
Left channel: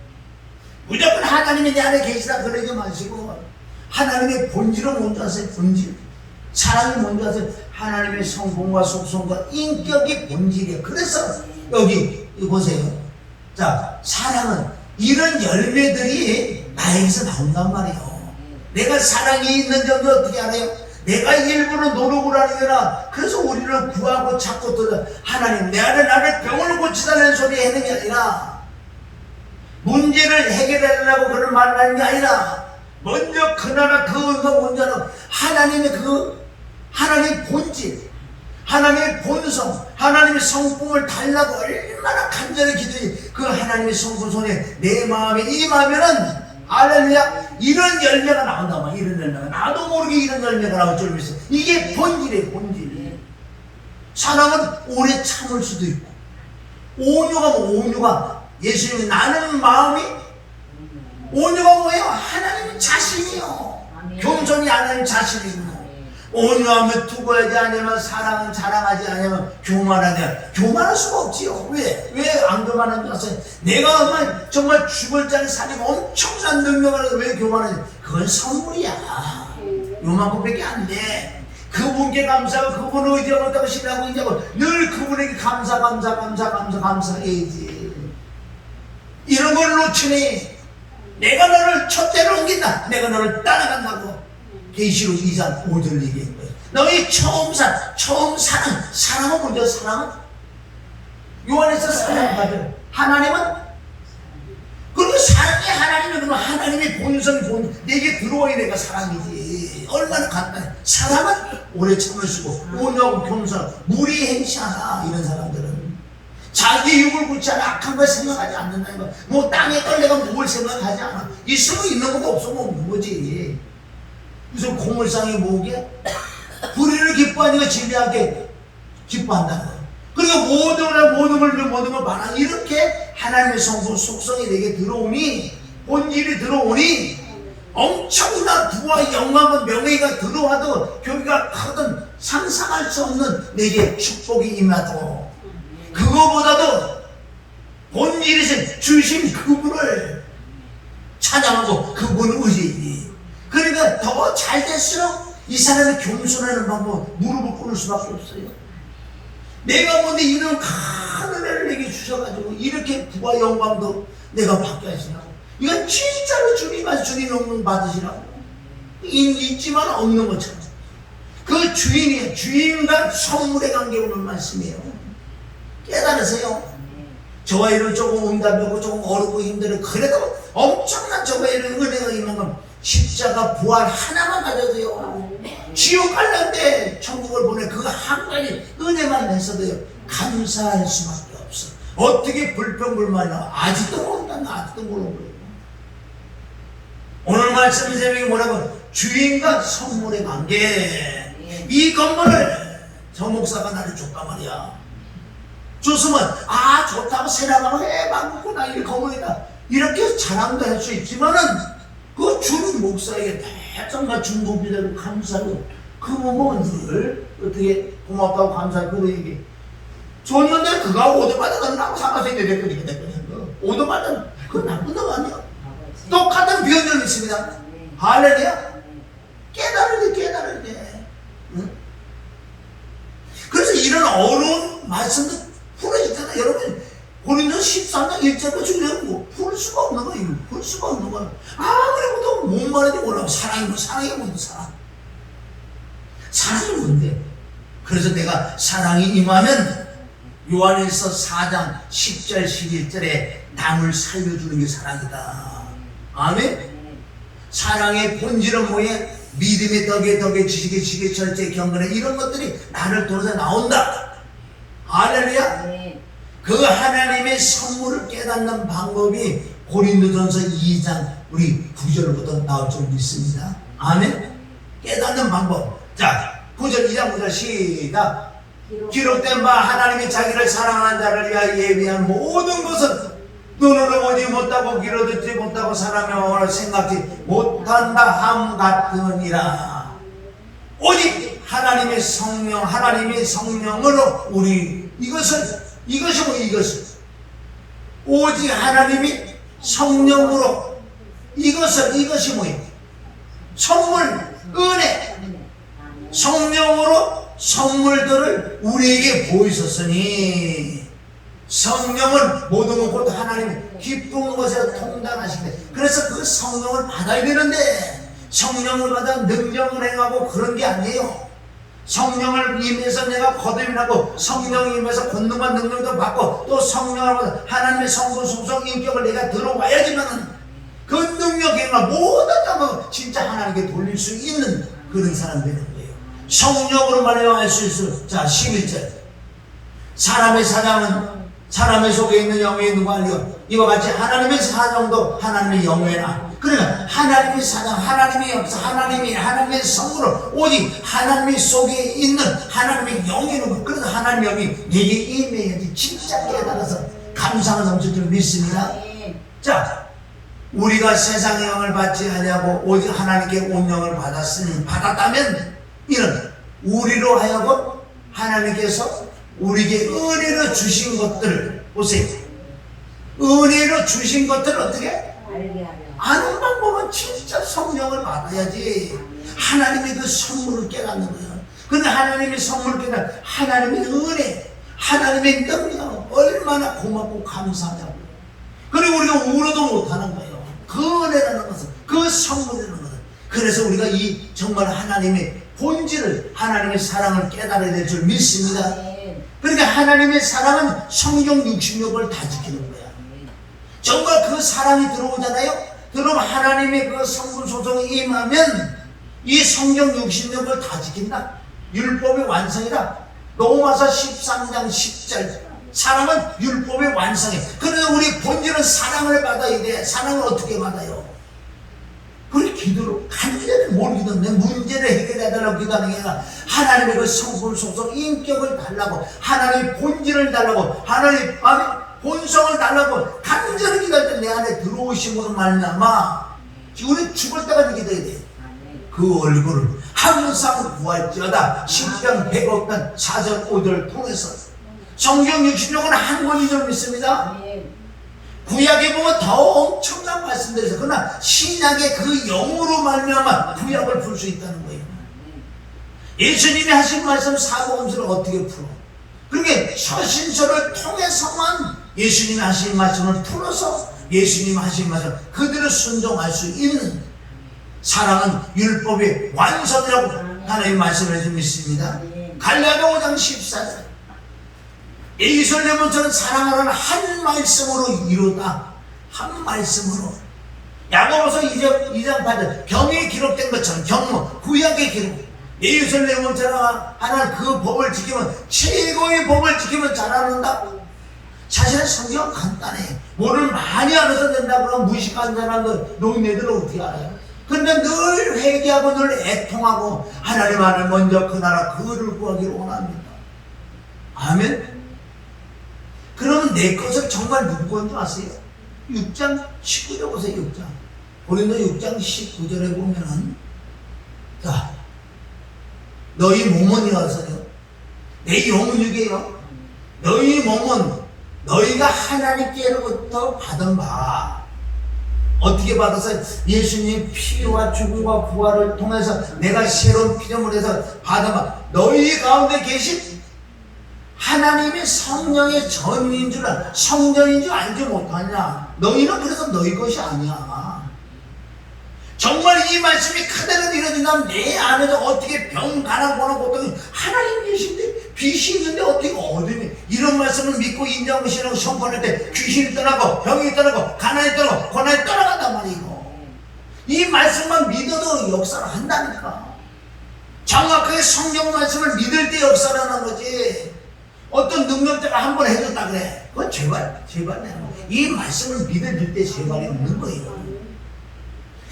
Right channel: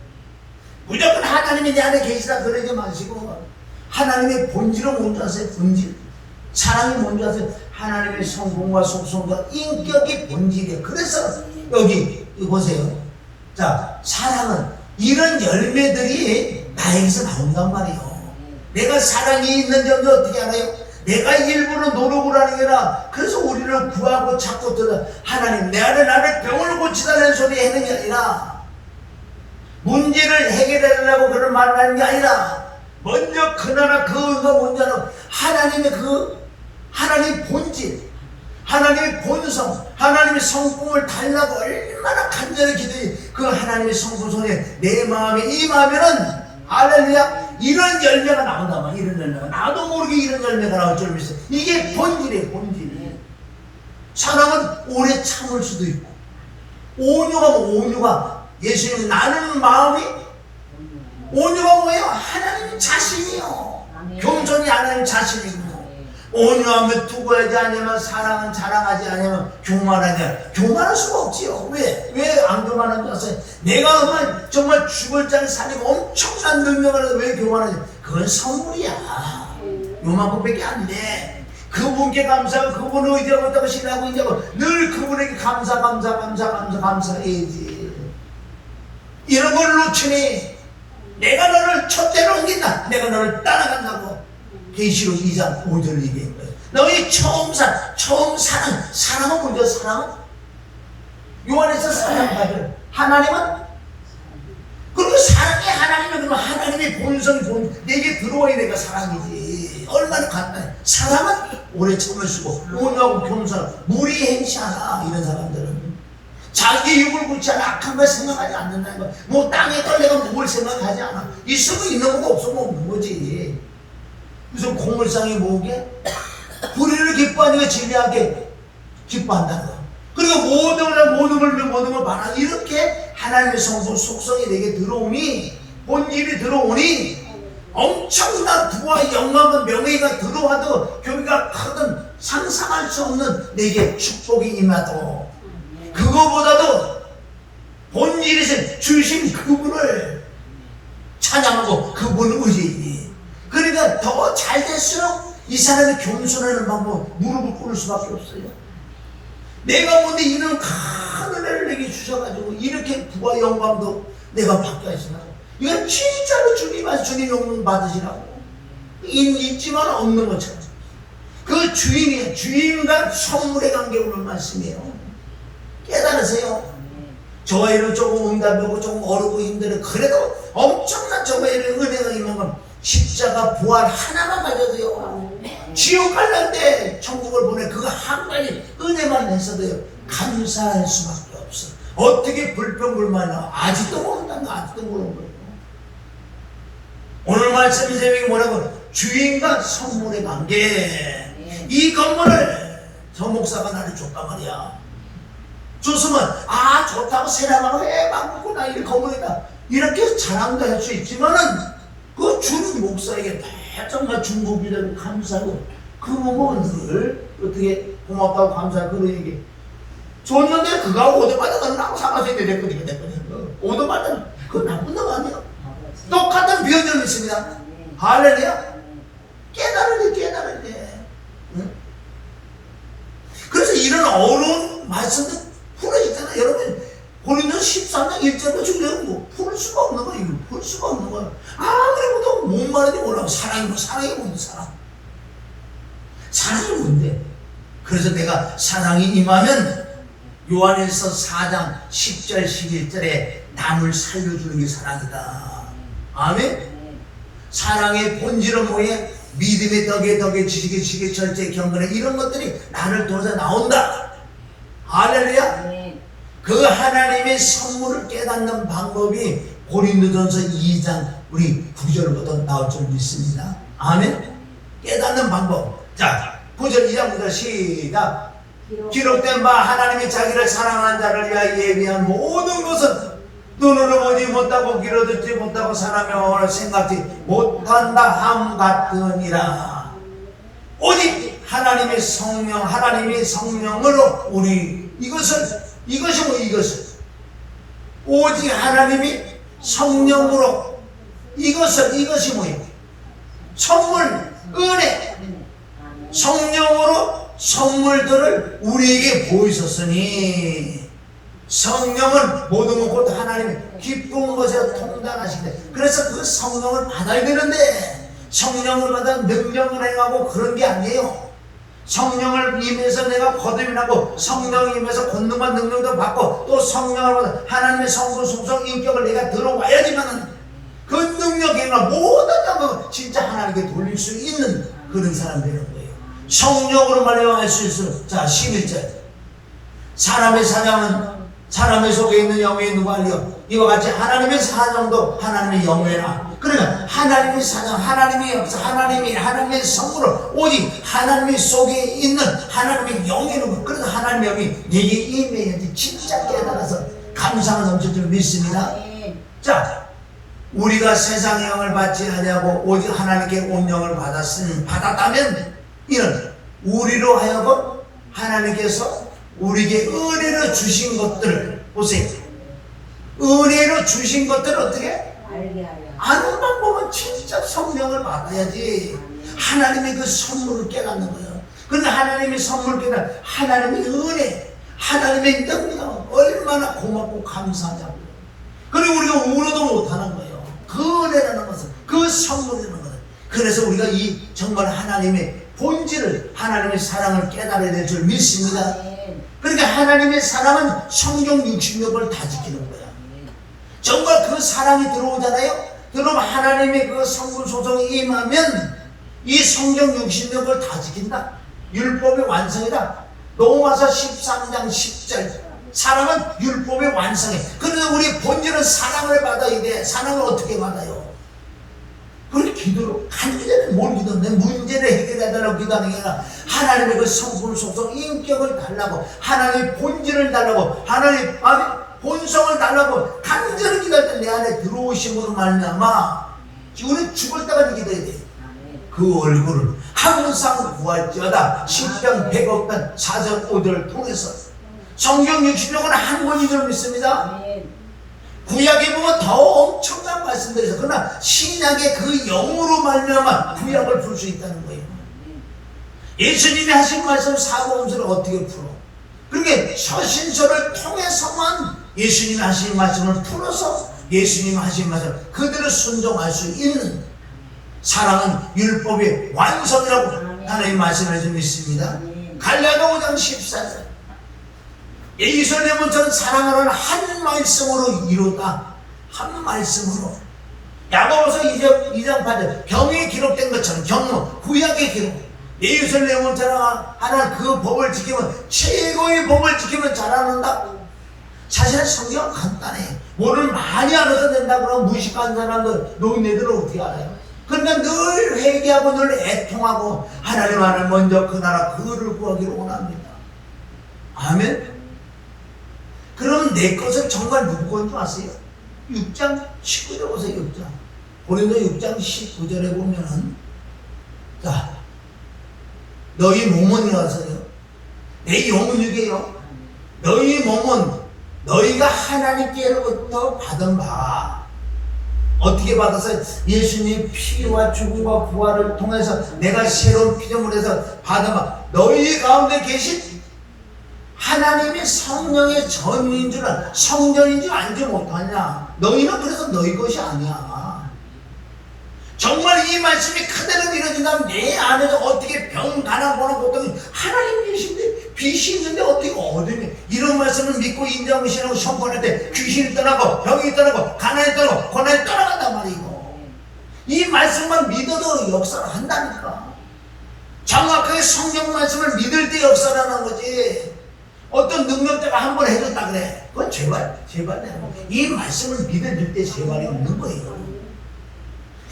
무조건 하나님이 내 안에 계시다 그러지 마시고 하나님의 본질은 뭔지 아세요? 본질. 사랑이 뭔지 아세요? 하나님의 성품과 속성과 인격이 본질이에요. 그래서 여기 보세요. 자, 사랑은 이런 열매들이 나에게서 나온단 말이에요. 내가 사랑이 있는지 어떻게 알아요? 내가 일부러 노력을 하는 게 아니라 그래서 우리는 구하고 찾고 들어 하나님 내 안에 나를 병을 고치다는 소리 하는 게 아니라 문제를 해결하려고 그런 말을 하는 게 아니라 먼저 그나마 그 은과 먼저는 하나님의 본질, 하나님의 본성, 하나님의 성품을 달라고 얼마나 간절히 기도해. 그 하나님의 성품 속에 내 마음에 임하면은 할렐루야 이런 열매가 나온단 말이야. 이런 열매가 나도 모르게 이런 열매가 나올 줄 믿어. 이게 본질이에요. 본질. 사랑은 오래 참을 수도 있고 온유가 예수님이 나는 마음이 온유가 뭐예요? 하나님 자신이요. 겸손이 하나님 자신이고 온유하면 두고야지 아니면 사랑은 자랑하지 아니면 교만하냐. 교만할 수가 없지요. 왜 안 교만한 줄 아세요? 내가 정말 죽을 자를 살리고 엄청난 능력을 해도 왜 교만하지? 그건 선물이야. 요만큼밖에 안 돼. 그분께 감사하고 그분을 의지하고 신뢰하고 인정하고 늘 그분에게 감사해야지. 이런 걸 놓치니 내가 너를 첫째로 옮긴다. 내가 너를 따라간다고 계시록 2장 5절을 얘기한 거예요. 너희 처음 사랑은 먼저 사랑은 요한에서 사랑받을 하나님은 그리고 사랑 사랑이 하나님이 그러면 하나님의 본성 내게 들어와야 내가 사랑이지. 얼마나 간단해. 사랑은 오래 참으시고 온유하고 겸손하고 무리 행치 않아. 이런 사람들은 자기 육을 굳지 않아 악한 걸 생각하지 않는다는 거. 뭐 땅에 떨려가 뭘 생각하지 않아. 있으면 있는 것도 없으면 없는 거지. 무슨 고물상이 뭐게? 불의를 기뻐하니까 지배하게 기뻐한다는 거. 그리고 모든 걸 말하 이렇게 하나님의 성품 속성이 내게 들어오니 본질이 들어오니 엄청난 부와 영광과 명예가 들어와도 교회가 크든 상상할 수 없는 내게 축복이 임하도 그거보다도 본질에서 주신 그분을 찬양하고 그분을 의지해. 그러니까 더 잘 될수록 이 사람이 겸손하는 방법 무릎을 꿇을 수밖에 없어요. 내가 뭔데 이런 큰 은혜를 내게 주셔가지고 이렇게 부와 영광도 내가 받게 하시라고. 이건 진짜로 주님 영광 받으시라고. 있지만 없는 것처럼. 그 주인이 주인과 선물의 관계 오는 말씀이에요. 깨달으세요. 저와 이런 조금 응답하고 조금 어렵고 힘들어. 그래도 엄청난 저와 이런 은혜가 있는 건 십자가 부활 하나만 가져도요. 지옥 갈는데 천국을 보내 그거 한 가지 은혜만 했어도요. 감사할 수밖에 없어. 어떻게 불평불만이 나와. 아직도 모른다. 아직도 모르는 거예요. 오늘 말씀 제목이 뭐라고? 주인과 선물의 관계. 이 건물을 저 목사가 나를 줬단 말이야. 줬으면 좋다고 세라라고 해봤구나. 이 건물이다. 이렇게 자랑도 할 수 있지만은 그 주는 목사에게 정말 중고비를 감사하고 그 몸은 늘 어떻게 고맙다고 감사하고 그런 얘기 줬는데 그가 오도마다 나하고 상관없이 내 거니까 오도마다 그거 나쁜 놈 아니야. 똑같은 변형이 있습니다. 할렐루야. 깨달을 때 응? 그래서 이런 어려운 말씀도 풀어지잖아요. 여러분 고린도 13장 1절에 주려고 뭐 풀 수가 없는 거예요. 풀 수가 없는 거예요. 그래도 뭔 말인지 몰라고 사랑이 뭔데 사랑이 뭔데? 그래서 내가 사랑이 임하면 요한일서 4장 10절 11절에 남을 살려주는 게 사랑이다. 아멘? 사랑의 본질은 뭐예요? 믿음의 덕에 지식의 절제 경건에 이런 것들이 나를 통해서 나온다. 할렐루야. 그 하나님의 선물을 깨닫는 방법이 고린도전서 2장 우리 9절부터 나올 줄 믿습니다. 아멘. 깨닫는 방법. 자, 9절 2장 9절 시작. 기록된 바 하나님이 자기를 사랑하는 자를 위하여 예비한 모든 것은 눈으로 보지 못하고 귀로 듣지 못하고 사람의 생각지 못한다 함 같으니라. 오직 하나님의 성령으로 우리 이것이 뭐 이것을 오직 하나님이 성령으로 이것이 뭐예요? 선물, 은혜, 성령으로 선물들을 우리에게 보이셨으니 성령은 모든 것도 하나님의 기쁜 것에 통달하시는데 그래서 그 성령을 받아야 되는데 성령을 받아 능력을 행하고 그런 게 아니에요. 성령을 임해서 내가 거듭이 나고 성령을 임해서 권능과 능력도 받고 또 성령을 받아 하나님의 성분 속성 인격을 내가 들어와야지만은 그 능력이나 모든 것을 진짜 하나님께 돌릴 수 있는 그런 사람이 되는 거예요. 성령으로 말미암아 수 있도록. 자 11절 사람의 사냥은 사람의 속에 있는 영에 누가 알려? 이와 같이 하나님의 사냥도 하나님의 영회나 그러니까 하나님의 사냥, 하나님의 역사, 하나님의 성물을 오직 하나님의 속에 있는 하나님의 영이는 것. 그래서 하나님의 영이 내게 임해야지 진짜 깨달아서 감사가 넘칠 줄 믿습니다. 자, 우리가 세상의 영을 받지 아니하고 오직 하나님께 온 영을 받았다면 이는 우리로 하여금 하나님께서 우리에게 은혜로 주신 것들을 보세요. 은혜로 주신 것들을 어떻게 아는 방법은 진짜 성령을 받아야지 하나님의 그 선물을 깨닫는 거예요. 그런데 하나님의 선물을 깨닫는 하나님의 은혜, 하나님의 능력 얼마나 고맙고 감사하냐고요. 그리고 우리가 울어도 못하는 거예요. 그 은혜라는 것은 그 선물이라는 것은. 그래서 우리가 이 정말 하나님의 본질을 하나님의 사랑을 깨달아야 될 줄 믿습니다. 그러니까 하나님의 사랑은 성경 66을 다 지키는 거야. 정말 그 사랑이 들어오잖아요. 그럼 하나님의 그 성부 소송이 임하면 이 성경 66을 다 지킨다. 율법의 완성이다. 로마서 13장 10절. 사랑은 율법의 완성이에요. 그래서 우리 본질은 사랑을 받아야 돼. 사랑을 어떻게 받아요? 그걸 기도로 간절히 뭘 기도하면 문제를 해결해달라고 기도하는 게 아니라 하나님의 그 성품 속성 인격을 달라고, 하나님의 본질을 달라고, 하나님의 본성을 달라고 간절히 기도할 때 내 안에 들어오심으로 말미암아 우리 죽을 때까지 기도해야 돼. 그 얼굴을 항상 구할지어다. 시편 100억 편 4절 5절을 통해서 성경 66은 한 권이죠 믿습니다. 구약에 보면 더 엄청난 말씀들에서 그러나 신약의 그 영으로 말미암아 구약을 풀 수 있다는 거예요. 예수님이 하신 말씀 사복음서를 어떻게 풀어? 그러니까 서신서를 통해서만 예수님이 하신 말씀을 풀어서 예수님이 하신 말씀 그들을 순종할 수 있는 사랑은 율법의 완성이라고 하나님 말씀을 해주고 있습니다. 갈라디아 5장 14절 예루살렘은 사랑하는 한 말씀으로 이루다. 한 말씀으로. 야고보서 2장 8절 경에 기록된 것처럼 경무 구약의 기록 예루살렘은 하나님 그 법을 지키면 최고의 법을 지키면 잘하는다. 사실 성경은 간단해. 뭐를 많이 알아서 된다 그러면 무식한 사람들 노인네들은 어떻게 알아요? 그런데 늘 회개하고 늘 애통하고 하나님 안을 먼저 그 나라 그를 구하기를 원합니다. 아멘. 그러면 내 것을 정말 누구 건지 아세요? 6장 19절 보세요. 6장 고린도 6장 19절에 보면은 자 너희 몸은 이어서요 내 영혼이게요 너희 몸은 너희가 하나님께로부터 받은 바 어떻게 받아서 예수님 피와 죽음과 부활을 통해서 내가 새로운 피조물에서 받은 바 너희 가운데 계신 하나님의 성령의 전인 줄 성전인 줄 알지 못하냐. 너희는 그래서 너희 것이 아니야. 정말 이 말씀이 그대로 이루어진다면 내 안에서 어떻게 병, 가난, 고난, 고통이 하나님 계신데 빛이 있는데 어떻게 어둠이 이런 말씀을 믿고 인정하고 신앙을 선포할 때 귀신이 떠나고 병이 떠나고 가난이 떠나고 고난이 떠나간단 말이고 이 말씀만 믿어도 역사를 한다니까. 정확하게 성경 말씀을 믿을 때 역사를 하는 거지. 어떤 능력자가 한 번 해줬다 그래. 그건 제발 이 말씀을 믿을 때 제발이 없는 거예요.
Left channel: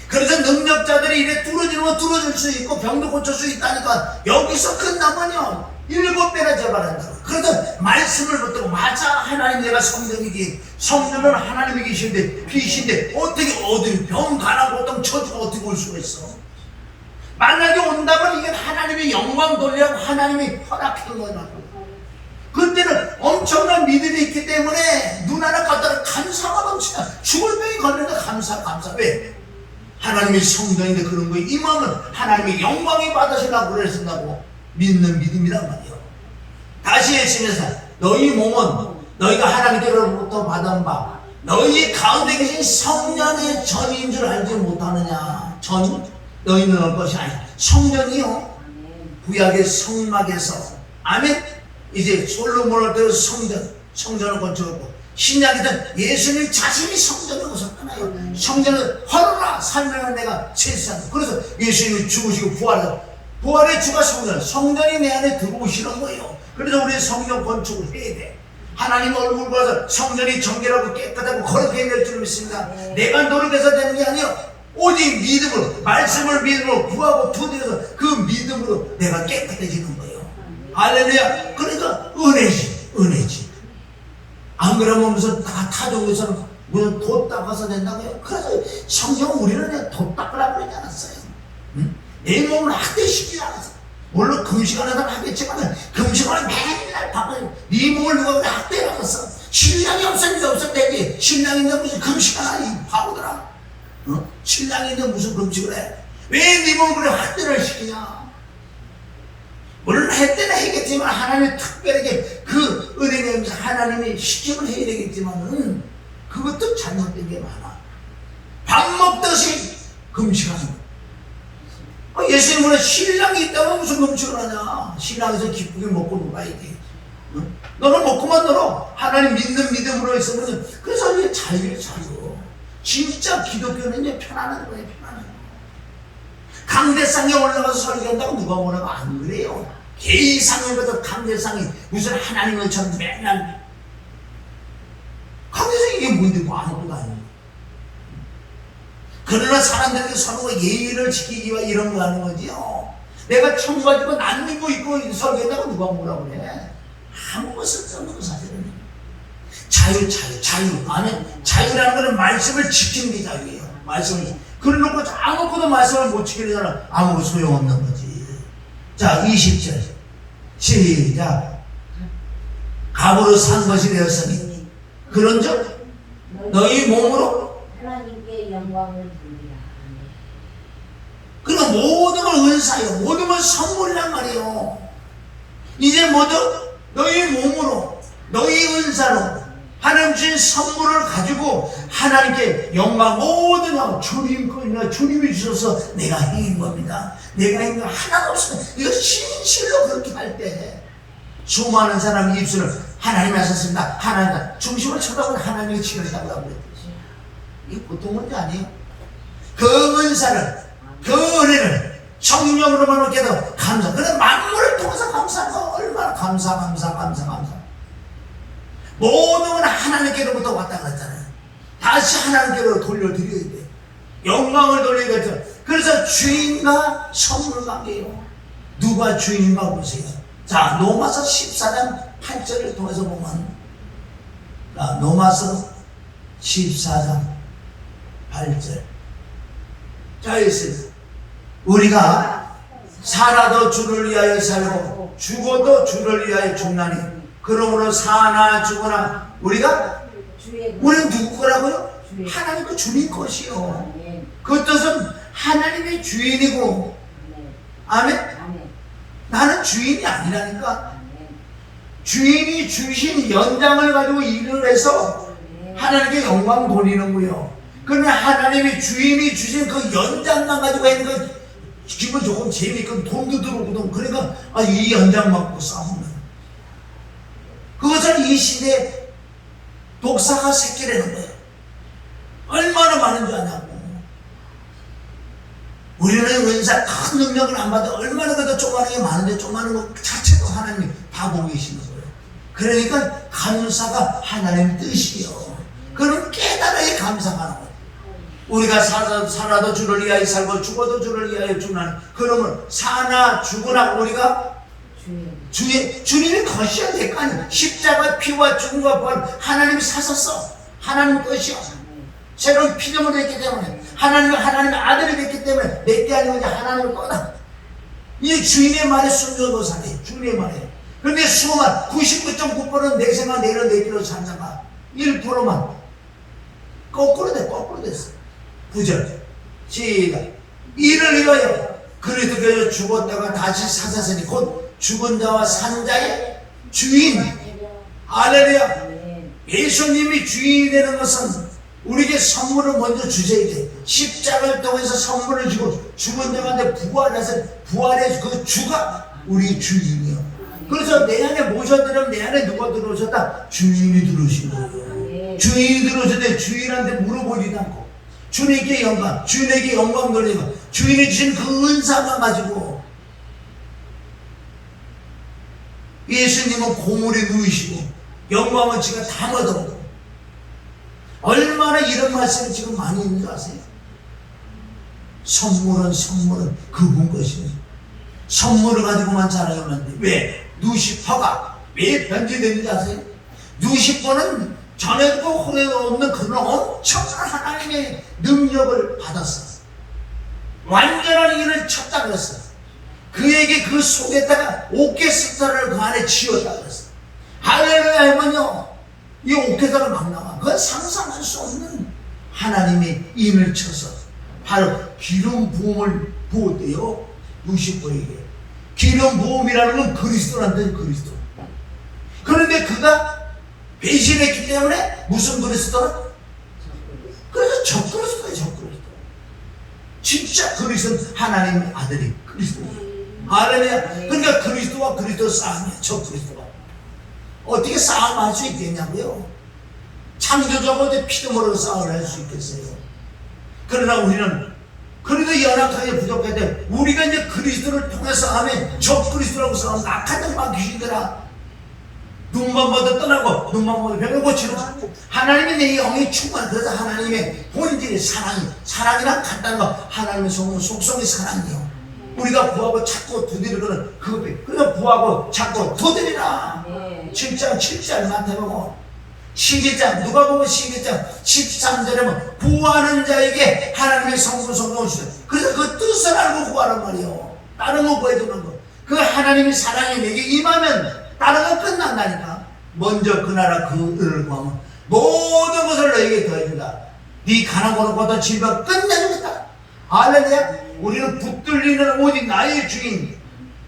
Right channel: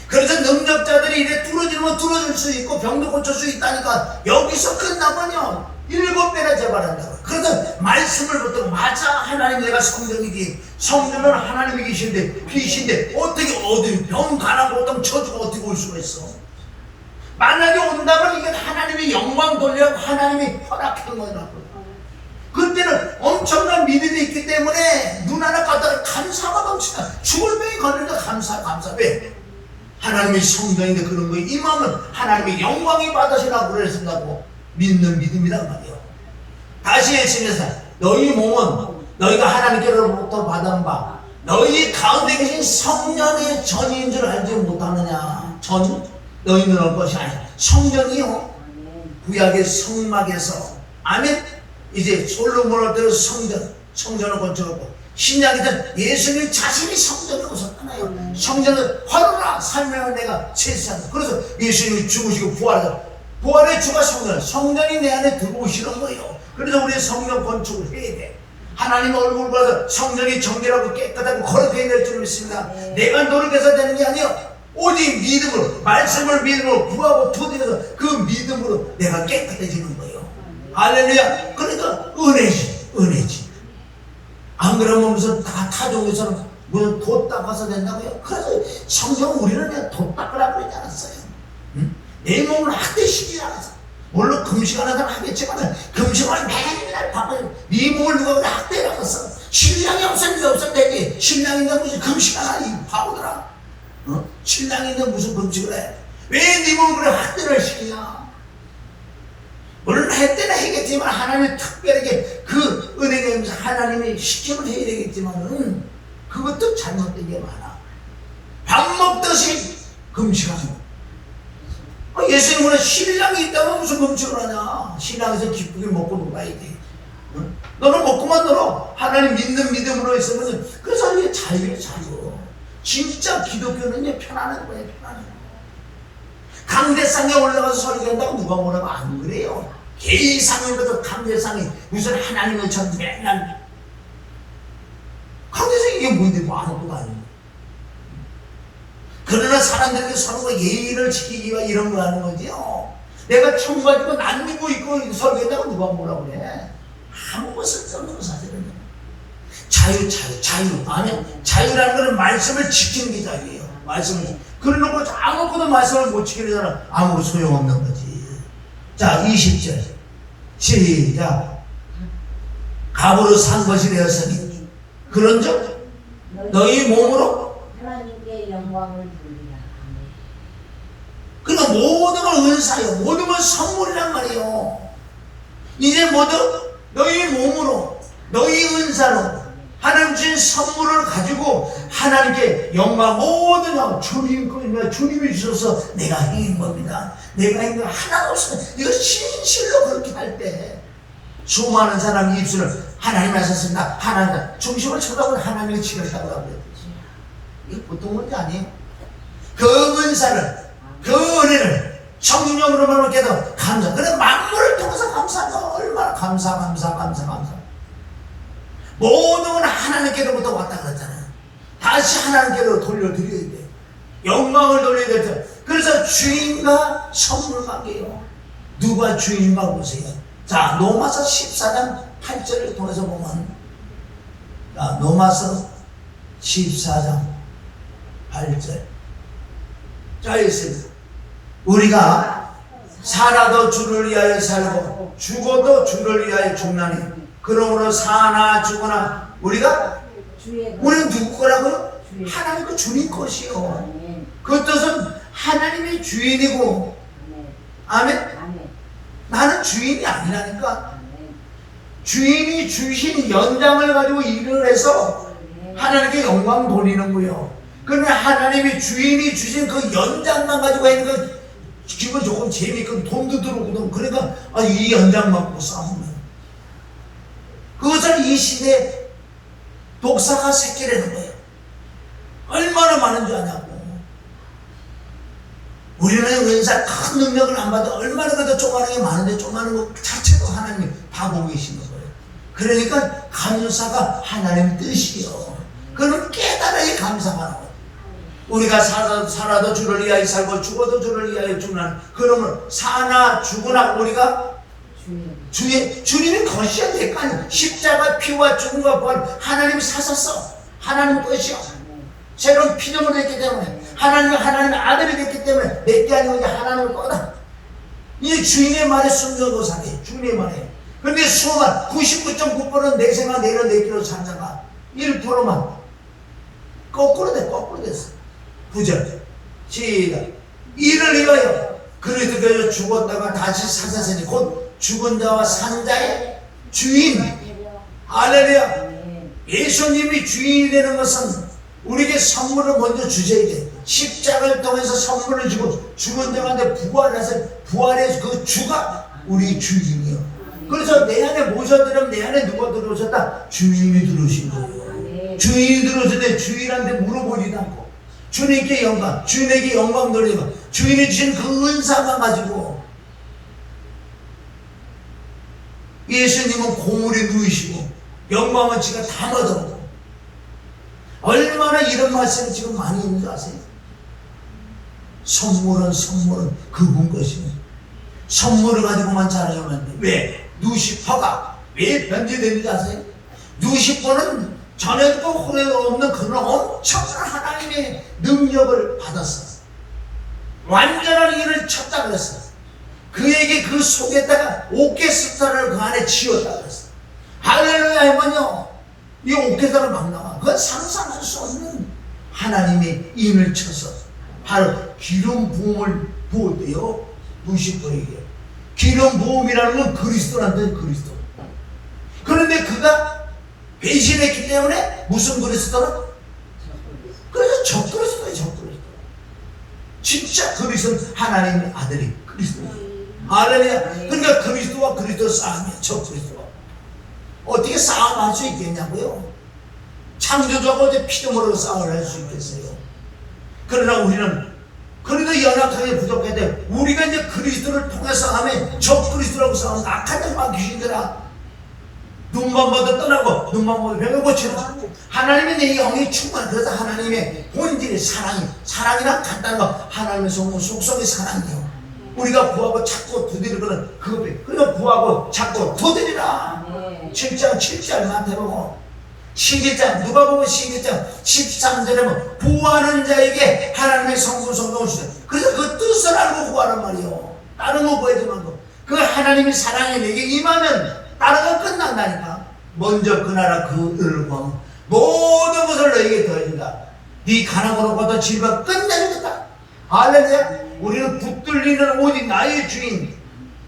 그래서 능력자들이 이래 뚫어지면 뚫어질 수 있고 병도 고칠 수 있다니까 여기서 끝나면요 7배나 재발한다고. 그래서 말씀을 붙들고 맞아 하나님 내가 성전이기 성전은 하나님이 계신데 빛인데 어떻게 어디 병 가난 고통 처지가 어떻게 올 수가 있어. 만약에 온다면 이건 하나님의 영광 돌려고 하나님이 허락한 거라고. 그때는 엄청난 믿음이 있기 때문에 눈 하나 깠다가 감사가 넘치다. 죽을 병이 걸려도 감사. 왜? 하나님의 성전인데 그런 거에 임하면 하나님의 영광이 받으시라고 그러신다고 믿는 믿음이란 말이에요. 다시 예수님께서 너희 몸은 너희가 하나님께로부터 받은 바 너희 가운데 계신 성령의 전인 줄 알지 못하느냐. 전 너희는 올 것이 아니라 성령이요 구약의 성막에서 아멘. 이제 솔로몬을 때려 성전을 건축했고 신약에는 예수님 자신이 성전을 오셨잖아요. 성전을 화로라 살면은 내가 세수한다. 그래서 예수님이 죽으시고 부활의 주가 성전이 내 안에 들어오시는 거예요. 그래서 우리 성전 건축을 해야 돼. 하나님 얼굴 봐서 성전이 정결하고 깨끗하고 거룩해야 될 줄 믿습니다. 내가 노력해서 되는 게 아니에요. 오직 믿음으로 말씀을 믿음으로 구하고 두드려서 그 믿음으로 내가 깨끗해지는 거예요. 할렐루야. 그러니까 은혜지. 안 그러면 무슨 타종에서는 무슨 돛 닦아서 된다고요? 그래서 성경은 우리는 돛 닦으라고 그러지 않았어요. 응? 내 몸을 학대시키지 않았어요. 물론 금식하는 사람 하겠지만 금식을 맨날 바꿔요. 네 몸을 누가 학대라고 했어. 신랑이 없으면 되지. 신랑인데 무슨 금식하나 이 바보들아. 어? 신랑인데 무슨 금식을 해? 왜 네 몸을 그래 학대를 시키냐? 물론 할 때는 해야겠지만 하나님이 특별하게 그 은혜를 하면서 하나님이 시키면 해야 되겠지만은 그것도 잘못된 게 많아. 밥 먹듯이 금식하는 거. 예수님은 신랑이 있다면 무슨 금식을 하냐. 신랑에서 기쁘게 먹고 놀아야지. 너는 먹고만 놀아. 하나님 믿는 믿음으로 있으면 그래서 이제 자유예요, 자유. 진짜 기독교는 편안한 거예요, 편안한 거. 강대상에 올라가서 설교한다고 누가 뭐라고 안 그래요. 개이상에 가도 강대상이 무슨 하나님의 전 맨날 강대상이 이게 뭔데 뭐 아무것도 아니에요. 그러나 사람들이 서로가 예의를 지키기 위해 이런 거 하는 거지요. 내가 청바지고 난리고 있고 설교한다고 누가 뭐라고 그래. 아무 쓸데없는 사실은 자유. 아멘. 자유라는 것은 말씀을 지키는 게 자유예요. 말씀을. 그러놓고 아무것도 말씀을 못 지키는 사람 아무 소용없는 거지. 자, 20절. 시작. 갑으로 산 것이 되었으니 그런즉 너희 몸으로 하나님께 영광을 돌리라. 그러니까 모든 건 은사예요. 모든 건 선물이란 말이에요. 이제 모두 너희 몸으로 너희 은사로 하나님 주신 선물을 가지고 하나님께 영광 모든 영 주님 거니까 주님이 주셔서 내가 행인 겁니다. 내가 행인 거 하나도 없어요. 이거 진실로 그렇게 할 때 수많은 사람이 입술을 하나님 하셨습니다. 하나님 중심을 쳐다보는 하나님의 치료했다고 하고 이게 보통 문제 아니에요. 그 은사를 그 은혜를 성령으로만 깨도 감사. 그래 만물을 통해서 감사하는 거 얼마나 감사. 모든 건 하나님께로부터 왔다 갔잖아요. 다시 하나님께로 돌려드려야 돼. 영광을 돌려야 되죠. 그래서 주인과 선물 관계예요. 누가 주인가 보세요. 자, 로마서 14장 8절을 통해서 보면, 자, 로마서 14장 8절. 자, 있습니다. 우리가 살아도 주를 위하여 살고 죽어도 주를 위하여 죽나니 그러므로 사나 죽거나 우리는 누구 거라고요? 하나님 그 주님 것이요. 그 뜻은 하나님이 주인이고, 아멘. 나는 주인이 아니라니까. 주인이 주신 연장을 가지고 일을 해서 하나님께 영광 돌리는 거예요. 그러면 하나님이 주인이 주신 그 연장만 가지고 하는 건 기분 조금 재미있고 돈도 들어오고 그러니까 이 연장만 갖고 싸우면 그것을 이 시대에 독사가 새끼라는 거예요. 얼마나 많은 줄 아냐고. 우리는 은사 큰 능력을 안 받아 얼마나 그래도 조그마한 게 많은데 조그마한 것 자체도 하나님이 다 보고 계시는 거예요. 그러니까 감사가 하나님 뜻이에요. 그럼 깨달아야 감사하는 거예요. 우리가 살아도 주를 위하여 살고 죽어도 주를 위하여 죽는 그러면 사나 죽으나 우리가 주님이 거셔야 될 거 아니에요. 십자가 피와 죽음과 부활 하나님이 사셨어. 하나님 것이요. 새로운 피조물이 됐기 때문에 하나님의 아들이 됐기 때문에 내게 아니면 이제 하나님을 거다. 이 주인의 말에 순종하고 사네. 주님의 말에. 그런데 수만 99.9%는 내 생각 내려 내기로 산다가 1%만 거꾸로 됐어. 9절 시작. 이를 위하여 그리스도께서 죽었다가 다시 사사시니 곧 죽은 자와 산 자의 주인. 할렐루야. 예수님이 주인이 되는 것은 우리에게 선물을 먼저 주셔야 돼. 십자가를 통해서 선물을 주고 죽은 자한테 부활해서 그 주가 우리 주인이요. 그래서 내 안에 모셔들으면 내 안에 누가 들어오셨다? 주인이 들어오신 거예요. 주인이 들어오실 때 주인한테 물어보지도 않고 주님께 영광, 주님에게 영광 돌리고 주인이 주신 그 은사만 가지고 예수님은 고물에 누이시고 영광은 지가 다 얻어. 얼마나 이런 말씀이 지금 많이 있는 줄 아세요? 선물은 그분 것이에요. 선물을 가지고만 자랑하면 안 돼. 왜? 누시퍼가 왜 변제되는지 아세요? 누시퍼는 전에도 후에도 없는 그런 엄청난 하나님의 능력을 받았어. 완전한 일을 쳤다 그랬어. 그에게 그 속에다가 오케스트라를 그 안에 지었다 그랬어. 할렐루야 하면요 이 오케스트라를 막 나와. 그건 상상할 수 없는 하나님의 임을 쳐서 바로 기름 부음을 부었대요. 누시퍼에게. 기름 부음이라는 건 그리스도란데 그리스도. 그런데 그가 배신했기 때문에 무슨 그리스도라? 그래서 적그리스도예요. 적그리스도. 진짜 그리스도는 하나님의 아들이 그리스도. 할렐루야. 그러니까 그리스도와 그리스도 싸움이에요. 적그리스도와. 어떻게 싸움할 수 있겠냐고요? 창조주하고 어떻게 피도 모르고 싸움을 할 수 있겠어요? 그러나 우리는 그래도 연약하게 부족할 때 우리가 이제 그리스도를 통해서 하면 저 그리스도라고 싸우면 악한 자만 귀신들아 눈만 봐도 떠나고 눈만 봐도 병을 고치고 하나님의 내 영이 충만. 그래서 하나님의 본질이 사랑이란 간단한 거 하나님의 속성이 사랑이에요. 우리가 구하고 찾고 두드리거든 그것 그래서 구하고 찾고 두드리라. 7장 7절 마태복음 12장 누가복음 12장 13절에 보면 구하는 자에게 하나님의 성품을 주세요. 그래서 그 뜻을 알고 구하란 말이에요. 다른 거 구해주는 거. 그 하나님의 사랑이 내게 임하면 다른 건 끝난다니까. 먼저 그 나라 그 의를 구하면 모든 것을 너에게 더해준다. 네 가난고로 얻은 질병 끝내주겠다. 할렐루야. 우리는 붙들리는 오직 나의 주인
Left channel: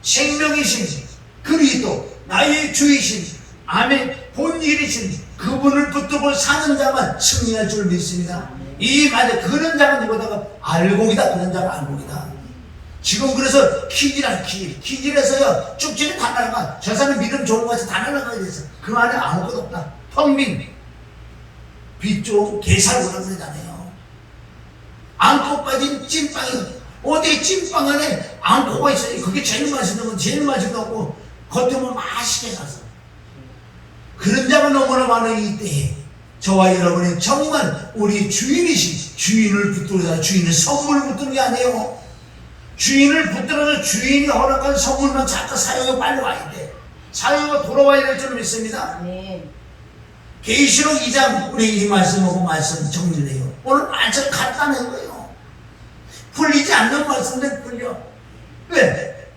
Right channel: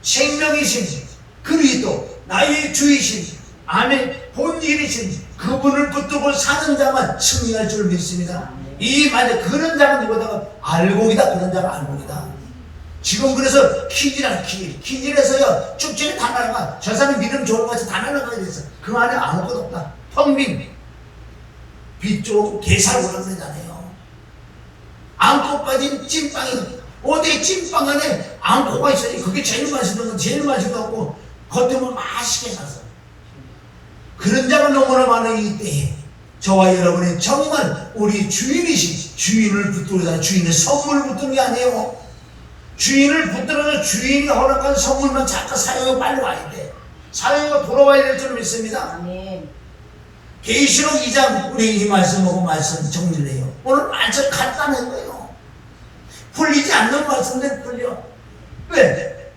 생명이신 그리스도 나의 주이신 아멘 본일이신 그분을 붙들고 사는 자만 승리할 줄 믿습니다. 이 말에 그런 자가 누구다가 알곡이다. 그런 자가 알곡이다. 지금 그래서 키질에서요 쭉쭉 다 날아가. 저 사람 믿음 좋은 것이 다 날아가게 됐어. 그 안에 아무것도 없다. 텅빈 빗쪽 게살구라는 데잖아요. 앙코 빠진 찐빵이 어디 찐빵 안에 앙코가 있어요. 그게 제일 맛있는 건 제일 맛있는 거고 겉으로 맛있게 사서 그런 자가 너무나 많은 이때에 저와 여러분이 정말 우리 주인이신 주인을 붙들어서 주인의 선물을 붙드는 게 아니에요. 주인을 붙들어서 주인이 허락한 선물만 잠깐 사용해 빨리 와야 돼. 사용하고 돌아와야 될 줄 믿습니다. 계시록 2장 우리 이 말씀 보고 말씀 정리를 해요. 오늘 말씀 간단한 거예요. 풀리지 않는 말씀들 풀려. 왜?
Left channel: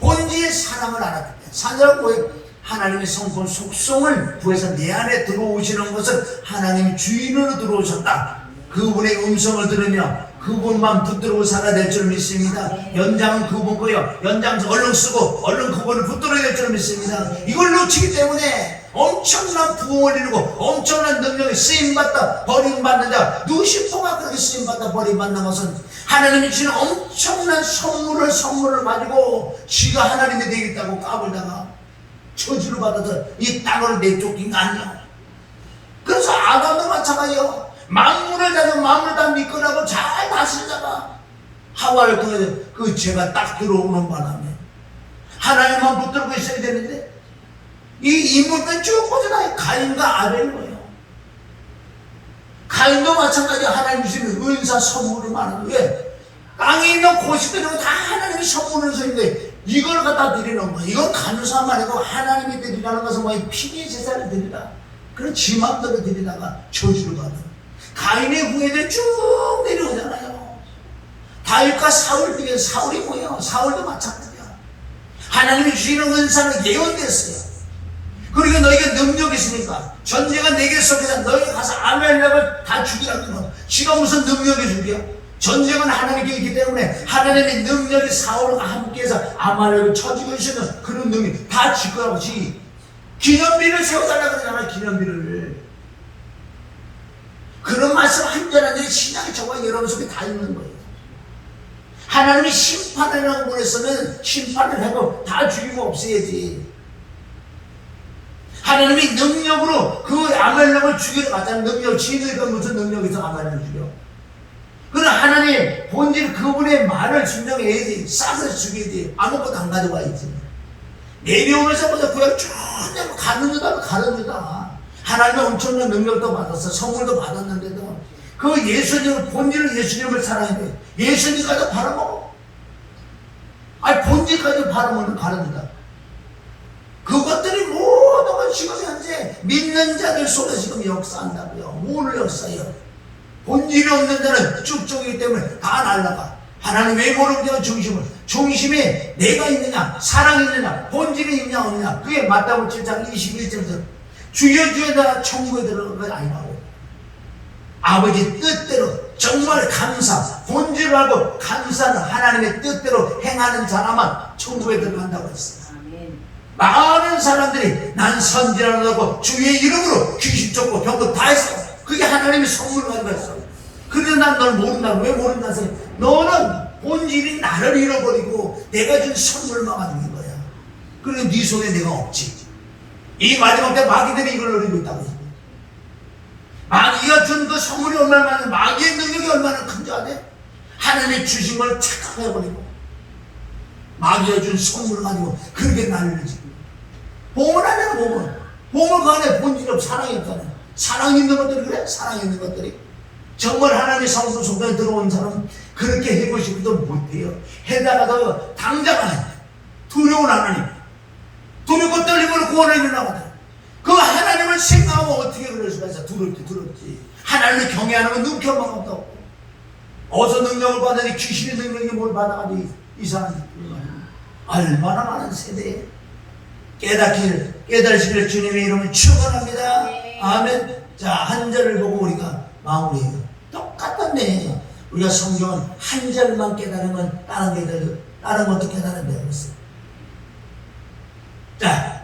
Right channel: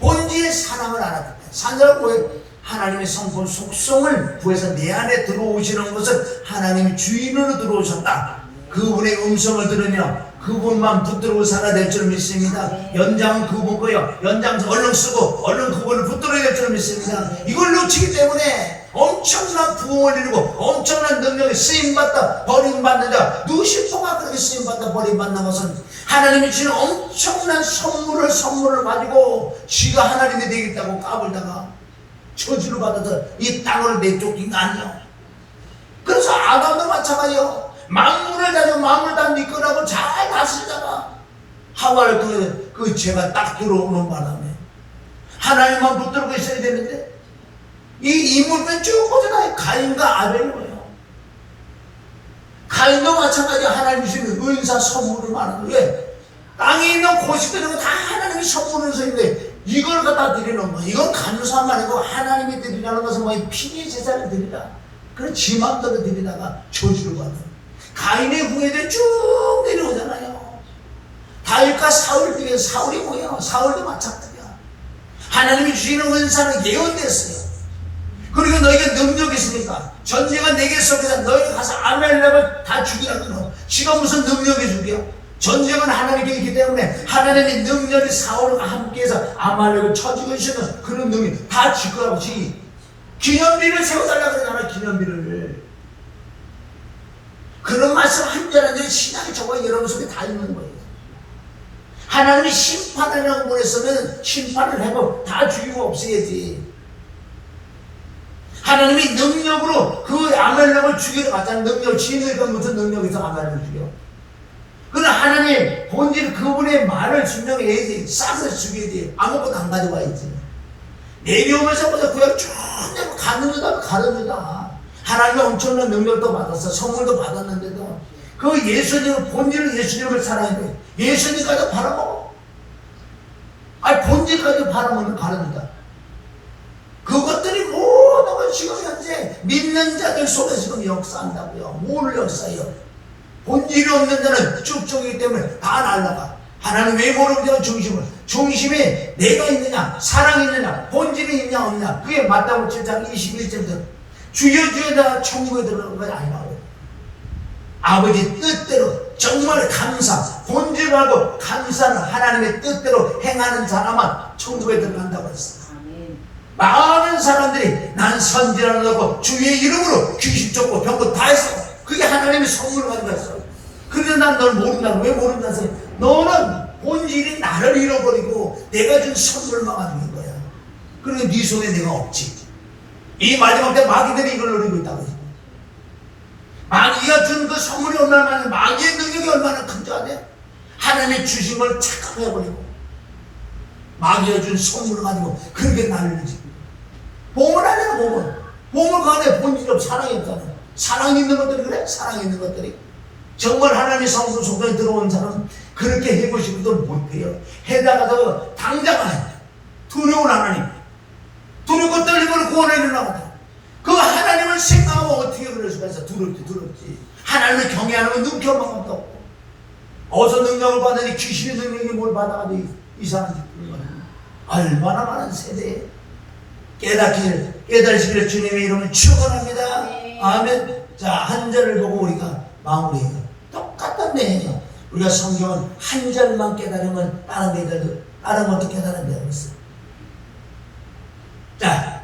본질의 사랑을 알았기 때문에. 사랑을 하나님의 성품 속성을 구해서 내 안에 들어오시는 것을 하나님 주인으로 들어오셨다. 그분의 음성을 들으며 그분만 붙들고 살아야 될 줄 믿습니다. 연장은 그분 거요. 연장 얼른 쓰고 얼른 그분을 붙들어야 될 줄 믿습니다. 이걸 놓치기 때문에 엄청난 부흥을 이루고 엄청난 능력에 쓰임받다 버림받는 자 누시포가 그렇게 쓰임받다 버림받는 것은 하나님이 주는 엄청난 선물을 가지고 지가 하나님이 되겠다고 까불다가 저주를 받아서 이 땅으로 내쫓긴 거 아니야. 그래서 아담도 마찬가지예요. 만물을 다녀 만물 다 믿거라고 잘 다스리다가 하와를 통해서 그 죄가 딱 들어오는 바람에 하나님만 붙들고 있어야 되는데 이 이물은 쭉 보잖아요. 가인과 아벨이에요. 가인도 마찬가지 하나님 주시는 은사 선물을 많은 거예요. 땅에 있는 고식들은 다 하나님이 선물을 주는데 이걸 갖다 드리는 거예요. 이건 감사함 아니고 하나님이 드리라는 것은 뭐 피리 제사를 드리라. 그런 지 맘대로 드리다가 저주를 받는 가인의 후예들이 쭉 내려오잖아요. 다윗과 사울 중에 사울이 뭐예요? 사울도 마찬가지야. 하나님이 주시는 은사는 예언됐어요. 그리고 너에게 능력이 있으니까 전쟁은 내게 속에서 너희가 가서 아멜렉을 다 죽이라고. 지가 무슨 능력이 죽여? 전쟁은 하나님께 있기 때문에 하나님의 능력이 사울과 함께해서 아말렉을 쳐 죽이시는 그런 능력이 다 지거라고. 기념비를 세워달라고 그러잖아. 기념비를. 그런 말씀 한절한절 신앙이 저와 여러분 속에 다 있는 거예요. 하나님이 심판하라고 보냈으면 심판을 해도 다 죽이고 없애야지. 하나님이 능력으로 그 아멜렉을 죽이러 갔잖아요. 능력, 지혜가 무슨 능력에서 아멜렉을 죽여. 그러나 하나님의 본질 그분의 말을 증명해야지. 싸서 죽여야지. 아무것도 안 가져와야지. 내려오면서 보자 구약 쭉 가는주다. 하나님의 엄청난 능력도 받았어. 선물도 받았는데도 그 예수님을 본질을 예수님을 사랑해. 예수님까지 바라먹어. 아니 본질까지 바라먹는 바랍니다. 그것들이 모든 건 지금 현재 믿는 자들 속에 지금 역사한다고요. 뭘 역사해요? 본질이 없는 자는 쭉쭉이기 때문에 다 날아가. 하나님 왜 모르는 중심이 내가 있느냐 사랑이 있느냐 본질이 있냐 없느냐. 그게 마태복음 7장 21절 주여 주여 나 천국에 들어가는 건 아니라고요. 아버지 뜻대로 정말 감사 본질을 알고 감사는 하나님의 뜻대로 행하는 사람만 천국에 들어간다고 했어요. 많은 사람들이 난 선지라는 거고 주의 이름으로 귀신 쫓고 병고 다 했어. 그게 하나님의 선물을 가지고 했어. 그래서 난 널 모른다고. 왜 모른다고? 너는 본질이 나를 잃어버리고 내가 준 선물만 가지고 있는 거야. 그러니까 네 속에 내가 없지. 이 마지막 때 마귀들이 이걸 노리고 있다고. 마귀가 준 그 선물이 얼마나 많은데, 마귀의 능력이 얼마나 큰지 아세요? 하나님이 주신 걸 착각해버리고 마귀가 준 선물을 가지고 그렇게 난리지. 보물 안에는 보물. 보물 그 안에 본질이 없어. 사랑이 없잖아요. 사랑 있는 것들이 그래? 사랑 있는 것들이. 정말 하나님의 성도 속에 들어온 사람은 그렇게 해보고 싶어도 못해요. 해다가도 당장 두려운 하나님, 두렵고 떨림으로 구원해 주려거든. 그 하나님을 생각하면 어떻게 그럴 수가 있어? 두렵지. 하나님을 경외하는 건 눈켜만 없다고. 어디서 능력을 받으니 귀신의 능력이 뭘 받아가지고 이상한 짓을 얼마나 많은 세대에 깨달으시길 주님의 이름을 축원합니다. 아멘. 자, 한 절을 보고 우리가 마무리해요. 똑같던데 우리가 성경은 한 절만 깨달으면 다른 것도 깨달은다 그랬어요. 자,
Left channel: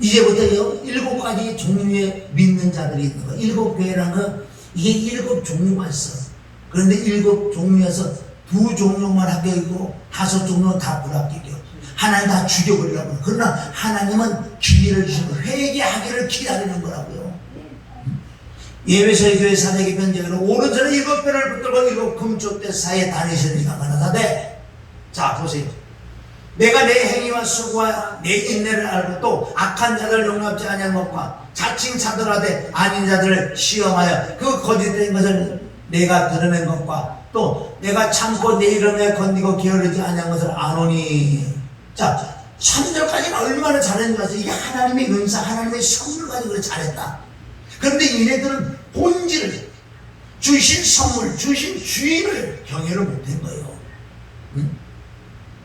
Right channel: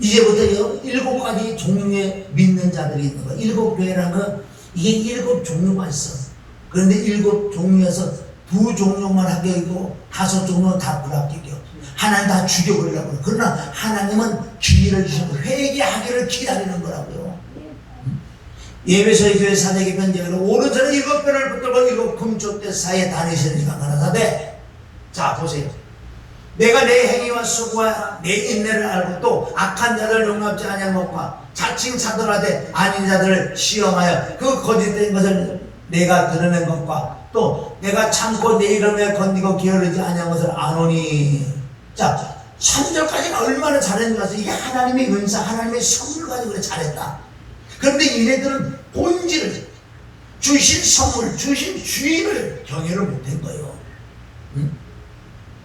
이제부터 7가지 종류의 믿는 자들이 있는 거. 7교회라는 거, 이게 7 종류가 있어. 그런데 7 종류에서 2 종류만 합격이고 5 종류는 다 불합격이요. 하나님 다 죽여버리려고 그래요. 그러나 하나님은 기회를 주시고 회개하기를 기다리는 거라고요. 예배소의 교회 사대기 편지로 오른손에 7배를 붙들고 7 금쪽대 사이에 다니시는 이가 가라사대. 자, 보세요. 내가 내 행위와 수고와 내 인내를 알고 또 악한 자들 용납지 아니한 것과 자칭 사들하되 아닌 자들을 시험하여 그 거짓된 것을 내가 드러낸 것과 또 내가 참고 내 이름에 건디고 게으르지 아니한 것을 아노니. 자, 3절까지는 얼마나 잘했는지 아세요? 이게 하나님의 은사, 하나님의 선물 가지고 잘했다. 그런데 얘네들은 본질, 주신 선물, 주신 주인을 경외를 못한 거예요. 응?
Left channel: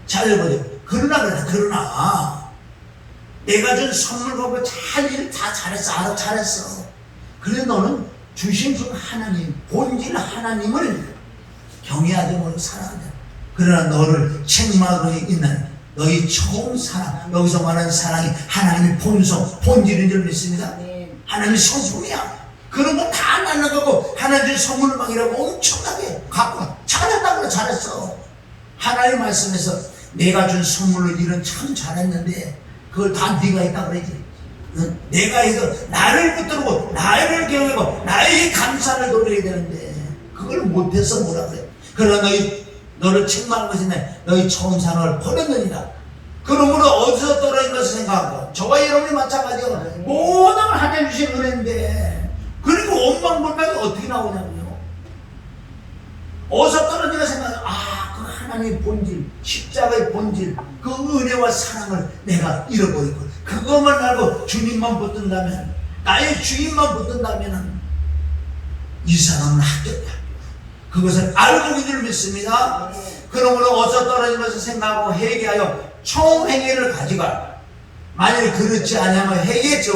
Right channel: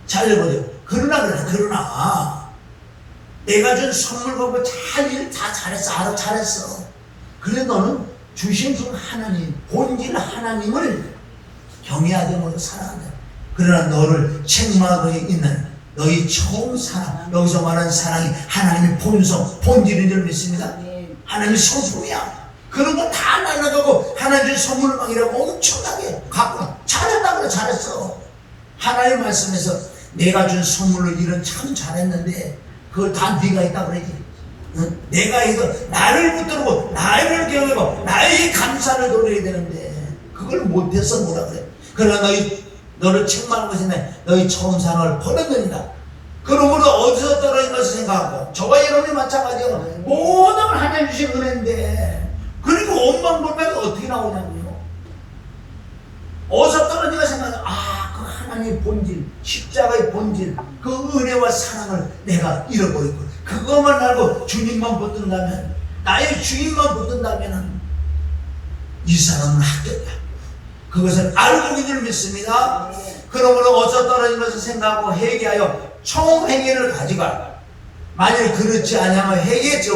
잘 보세요. 그러나 내가 준 선물 갖고 일 다 잘했어. 알아 잘했어. 그런데 너는 주신 그 하나님, 본질 하나님을 경외하지 못하고 살아간다. 그러나 너를 책망하고 있는 너희 처음 사랑, 여기서 말하는 사랑이 하나님의 본성, 본질인 줄 믿습니다. 하나님의 성품이야. 그런 거 다 날라가고 하나님의 선물망이라고 엄청나게 갖고 잘했다고 그래. 잘했어. 하나님 말씀에서 내가 준 선물을 일은 참 잘했는데 그걸 다 네가 했다고 그러지. 응? 내가 해서 나를 붙들고 나를 경외하고 나의 감사를 돌려야 되는데 그걸 못해서 뭐라 그래. 그러나 너를 책망한 것이 너희 처음 산을 버렸느니라. 그러므로 어디서 떨어진 것을 생각하고 저와 여러분이 마찬가지예요. 모든 하나님 주신 은혜인데 그리고 원망불명이 어떻게 나오냐고요. 어디서 떨어진 것을 생각하고 그 하나님의 본질, 십자가의 본질, 그 은혜와 사랑을 내가 잃어버리고 그것만 알고 주님만 붙든다면, 나의 주인만 붙든다면 이 사람은 합격이야. 그것을 알고 있는 믿습니다. 그러므로 어디서 떨어진 것을 생각하고 회개하여 총 행위를 가져가. 만일 그렇지 않으면 회개했지.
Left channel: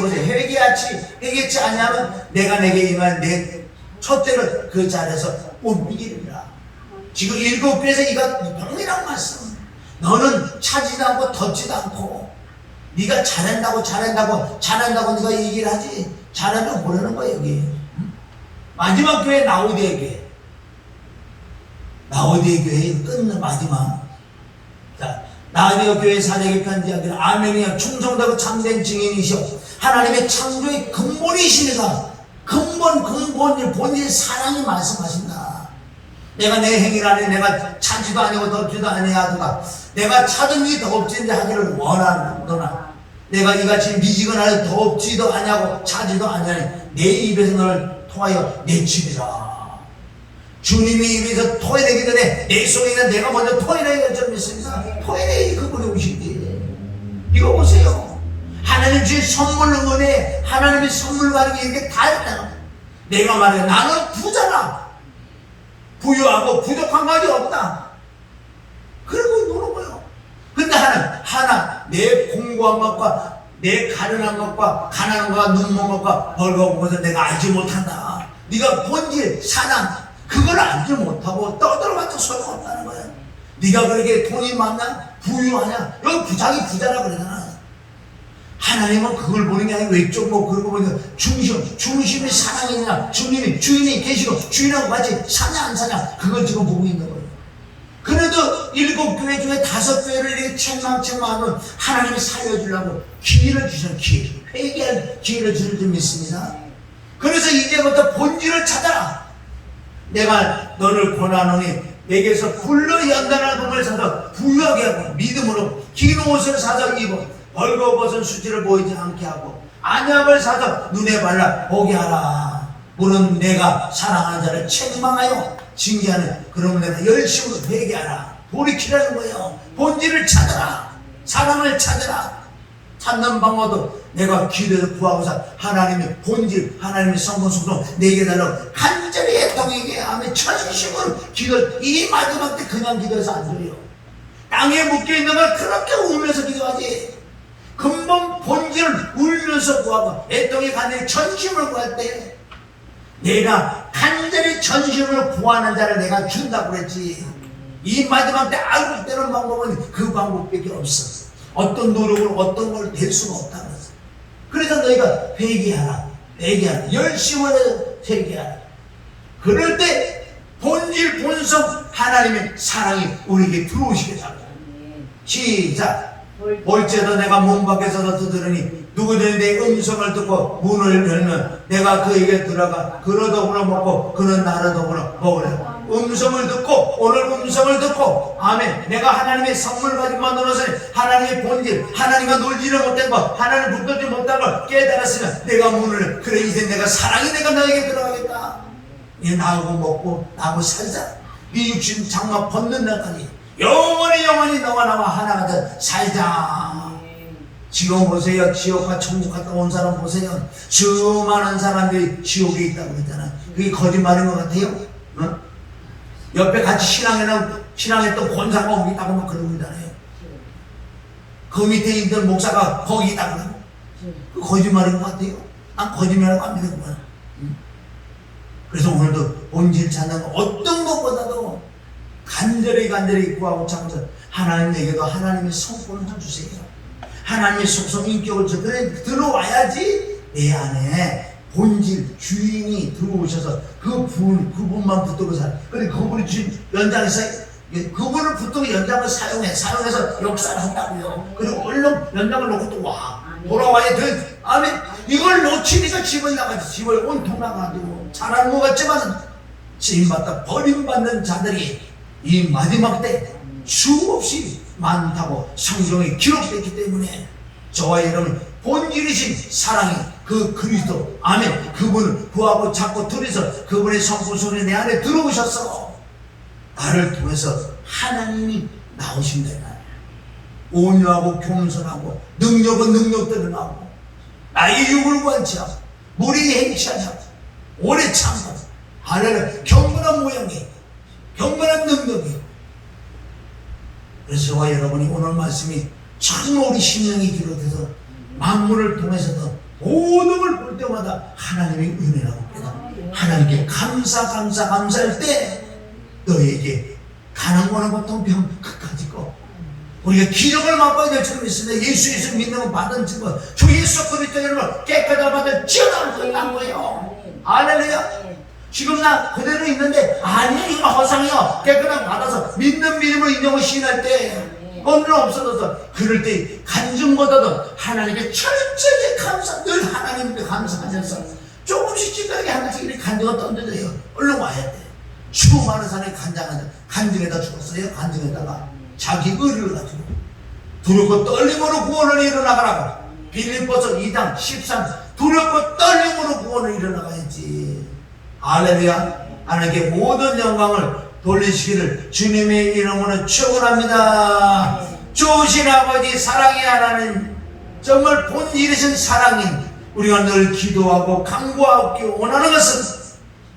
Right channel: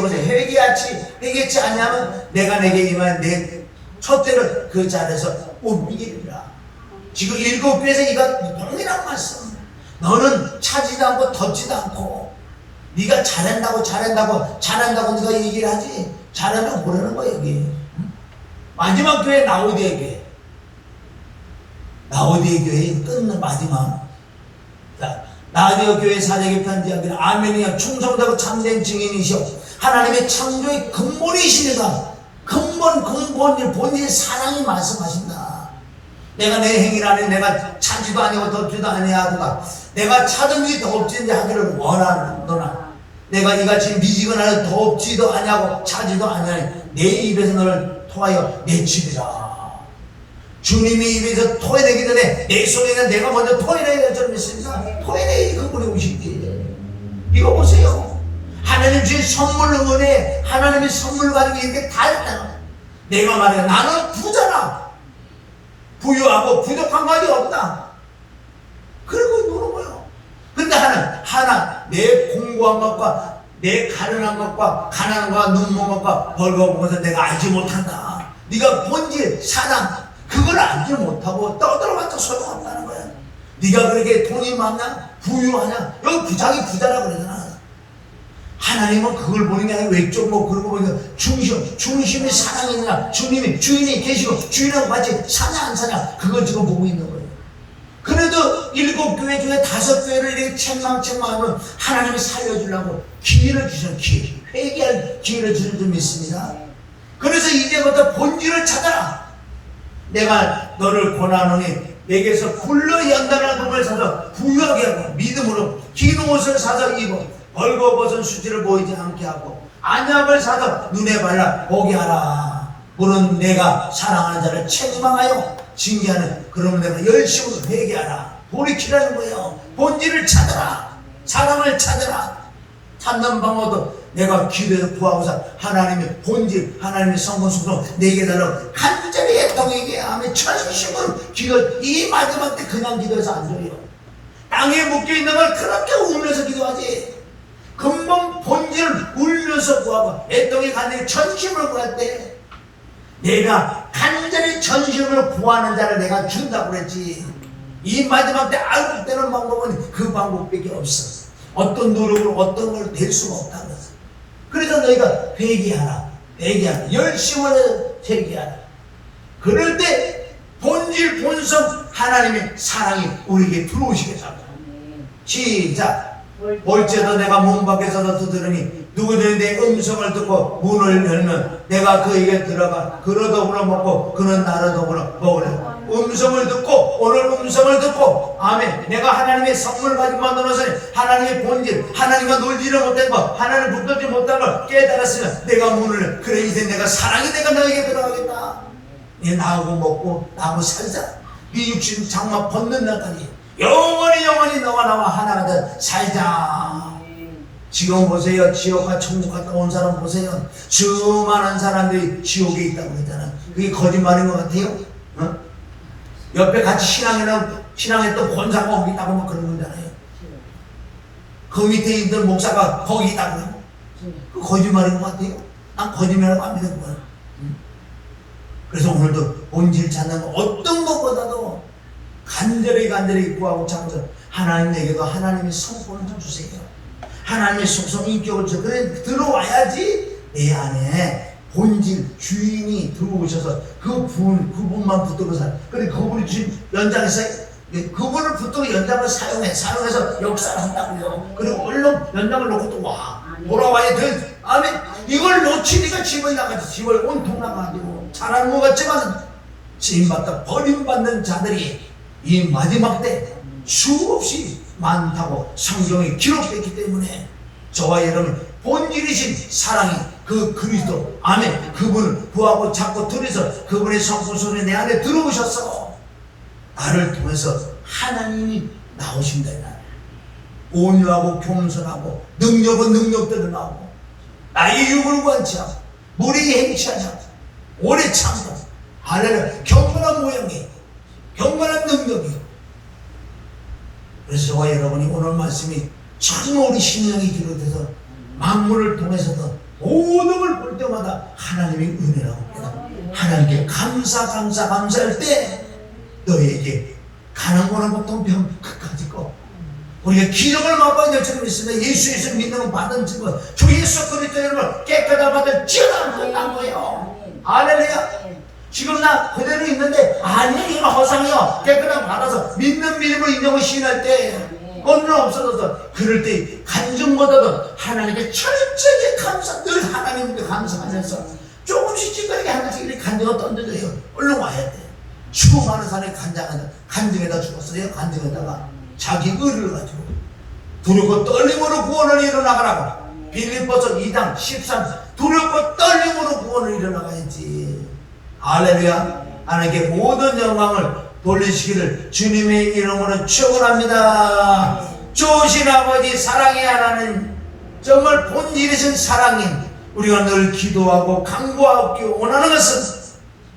회개치 않으면 내가 내게 임한 내 촛대를 그 자리에서 옮기리라. 지금 7교에서 이거 동일한 말씀. 너는 차지도 않고 덧지도 않고 네가 잘한다고 네가 얘기를 하지. 잘한다고 모르는 거야 여기. 마지막 교회 라오디게 교회 끝난 마지막. 자, 라오디게 교회 사대기 편지하기를 아멘이야. 충성되고 참된 증인이시오. 하나님의 창조의 근본이십니다. 근본일 본인 사랑이 말씀하신다. 내가 내 행위를 하니 내가 차지도 아니고 덥지도 아니하도다. 내가 차든지 덥지도 하기를 원하노라. 내가 이같이 미지근하여 덥지도 아니하고 차지도 아니하니 내 입에서 너를 토하여 내치리라. 주님의 입에서 토해내기 전에 내 속에 있는 내가 먼저 토해내야 될 줄 믿습니다. 토해내기 그분이 오시기. 이거 보세요. 하나님 주신 선물 은혜, 하나님의 선물 가지고 이렇게 다 했다. 내가 말해 나는 부자라. 부유하고 부족한 가지 없다. 그리고 노는 거예요. 근데 하나 내 공부한 것과 내 가련한 것과 가난한 것과 눈먼 것과 벌거운 것을 내가 알지 못한다. 네가 본질 사랑 그걸 알지 못하고 떠들어봤자 소용없다는 거야. 네가 그렇게 돈이 많냐 부유하냐 여기 부자기 부자라 그러잖아. 하나님은 그걸 보는 게 아니라 외적 그런 거 보니까 중심이 사랑이냐 주님이 주인이 계시고 주인하고 같이 사냐 안 사냐 그걸 지금 보고 있는 거예요. 그래도 7교회 중에 5교회를 이렇게 책망하면 하나님이 살려주려고 기회를 주셔. 회개할 기회를 주는 줄 믿습니다. 그래서 이제부터 본질을 찾아라. 내가 너를 권하노니 내게서 불로 연단한 금을 사서 부유하게 하고 믿음으로 긴 옷을 사서 입어 벌거벗은 수치를 보이지 않게 하고 안약을 사서 눈에 발라 보게 하라. 물은 내가 사랑하는 자를 책망하여 징계하는 그러면 내가 열심으로 회개하라. 돌이키라는 거예요. 본질을 찾아라. 사랑을 찾아라. 찾는 방법도 내가 기도해서 구하고서 하나님의 본질, 하나님의 성공 속성 내게 달라고 간절히 애통에게 하며 천심으로 기도. 이 마지막 때 그냥 기도해서 안 돼요. 땅에 묶여있는 걸 그렇게 울면서 기도하지. 근본 본질을 울면서 구하고 애통에 간절히 전심으로 구할 때 내가 간절히 전심으로 구하는 자를 내가 준다고 그랬지. 이 마지막 때 알고 되는 방법은 그 방법밖에 없어. 어떤 노력을 어떤 걸 낼 수가 없다 그랬어. 그래서 너희가 회개하라. 열심을 해서 회개하라. 그럴 때 본질 본성 하나님의 사랑이 우리에게 들어오시게 잡니다. 시작. 볼지어도 내가 문 밖에서 들으니 누구든지 내 음성을 듣고 문을 열면 내가 그에게 들어가 그로 더불어 먹고 그는 나를 더불어 먹으려. 음성을 듣고 오늘 음성을 듣고 아멘. 내가 하나님의 선물 가지고 만들어서 하나님의 본질 하나님과 놀지를 못한 것 하나님 붙들지 못한 걸 깨달았으면 내가 문을 그래 이제 내가 사랑이 내가 너에게 들어가겠다. 이 나하고 먹고 나하고 살자. 네 육신 장막 벗는 날까지 영원히 너와 나와 하나가 돼 살자. 지금 보세요. 지옥과 천국 갔다 온 사람 보세요. 수많은 사람들이 지옥에 있다고 그랬잖아. 그게 거짓말인 것 같아요? 어? 옆에 같이 신앙했던 권사가 거기 있다고 막 그러고 있잖아요. 그 밑에 있던 목사가 거기 있다고 그러고. 그 거짓말인 것 같아요. 난 거짓말을 안 믿는 거야. 그래서 오늘도 본질 찾는 거 어떤 것보다도 간절히 구하고 찾아서 하나님 내게도 하나님의 성품을 좀 주세요. 하나님의 속성 인격을 줘. 그래 들어와야지 내 안에 본질 주인이 들어오셔서 그분만 붙들고 살아. 그래 그분이 주신 연장해서 그분을 붙들고 연장을 사용해서 역사를 한다고요. 그리고 얼른 연장을 놓고 또 와. 돌아와야 돼. 아멘. 이걸 놓치니까 집을 나가지. 집을 온통 나가도 잘하는 것 같지만 쓰임받다 버림받는 자들이 이 마지막 때 수없이 많다고 성경에 기록됐기 때문에 저와 여러분 본질이신 사랑이 그 그리스도 아멘 그분을 구하고 찾고 들여서 그분의 성품소리 내 안에 들어오셔서 나를 통해서 하나님이 나오신다. 온유하고 겸손하고 능력은 능력대로 나오고 나의 욕을 구하지 않고 무리에 행치하지 않고 오래 참고 할렐루야 경건한 모양이 경건한 능력이. 그래서 저와 여러분이 오늘 말씀이 참 우리 심령이 기록돼서 만물을 통해서도 모든 걸 볼 때마다 하나님의 은혜라고 합니다. 하나님께 감사할 때 너에게 가난 거나 고통병 끝까지 거 우리가 기적을 맛봐야 될 줄 믿습니다. 예수 믿는 받은 증거 주 예수 그리스도의 이름을 깨끗하게 받을 지어나면 끝난 거예요. 할렐루야. 지금 나 그대로 있는데 아니 이거 허상이요. 깨끗하게 받아서 믿는 믿음으로 인정을 시인할 때 언능 없어져서 그럴 때 간증보다도 하나님께 철저히 늘 하나님께 감사하면서 조금씩 찌그하게 하나씩 이렇게 간증을 던져줘요. 얼른 와야 돼요. 수많은 사람이 간증에다 죽었어요. 간증에다가 자기 의를 가지고 두렵고 떨림으로 구원을 일어나가라고. 빌립보서 2장 13 두렵고 떨림으로 구원을 일어나가야지. 할렐루야. 하나님께 모든 영광을 돌리시기를 주님의 이름으로 축원합니다. 좋으신 아버지 사랑의 하나님 정말 본일이신 사랑이 우리가 늘 기도하고 간구하기 원하는 것은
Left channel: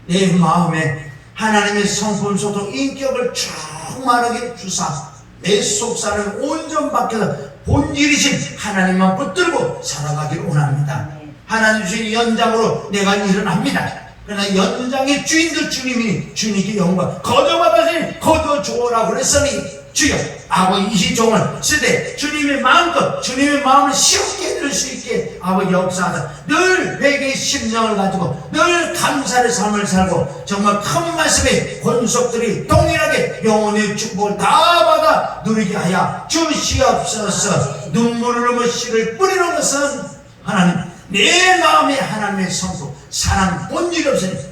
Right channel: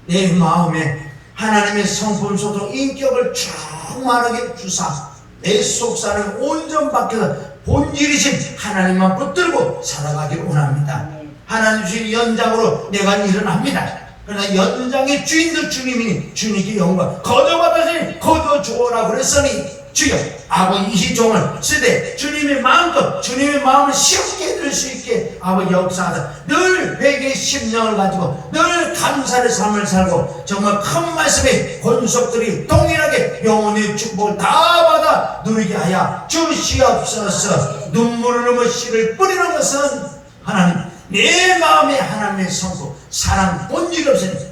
내 마음에 하나님의 성품 속성 인격을 충만하게 주사 내 속사는 온전 밖에서 본질이신 하나님만 붙들고 살아가기를 원합니다. 하나님 주신 연장으로 내가 일어납니다. 그러나 연장의 주인도 주님이니 주님께 영광 거둬받으니 거둬주오라 그랬으니 주여 아버지 이 종을 쓰되 주님의 마음껏 주님의 마음을 쉽게 들을 수 있게 아버지 역사하사 늘 회개의 심령을 가지고 늘 감사의 삶을 살고 정말 큰 말씀의 권속들이 동일하게 영혼의 축복을 다 받아 누리게 하여 주시옵소서. 눈물을 흘리며 씨를 뿌리는 것은 하나님 내 마음에 하나님의 성품 사랑 본질이 없으니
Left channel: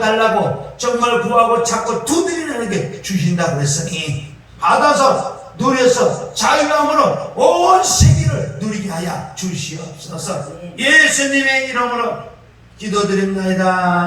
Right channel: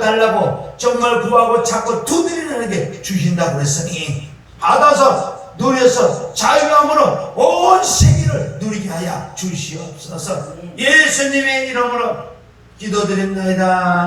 달라고 정말 구하고 찾고 두드리는 게 주신다고 했으니 받아서 누려서 자유함으로 온 세계를 누리게 하여 주시옵소서. 예수님의 이름으로 기도드립니다.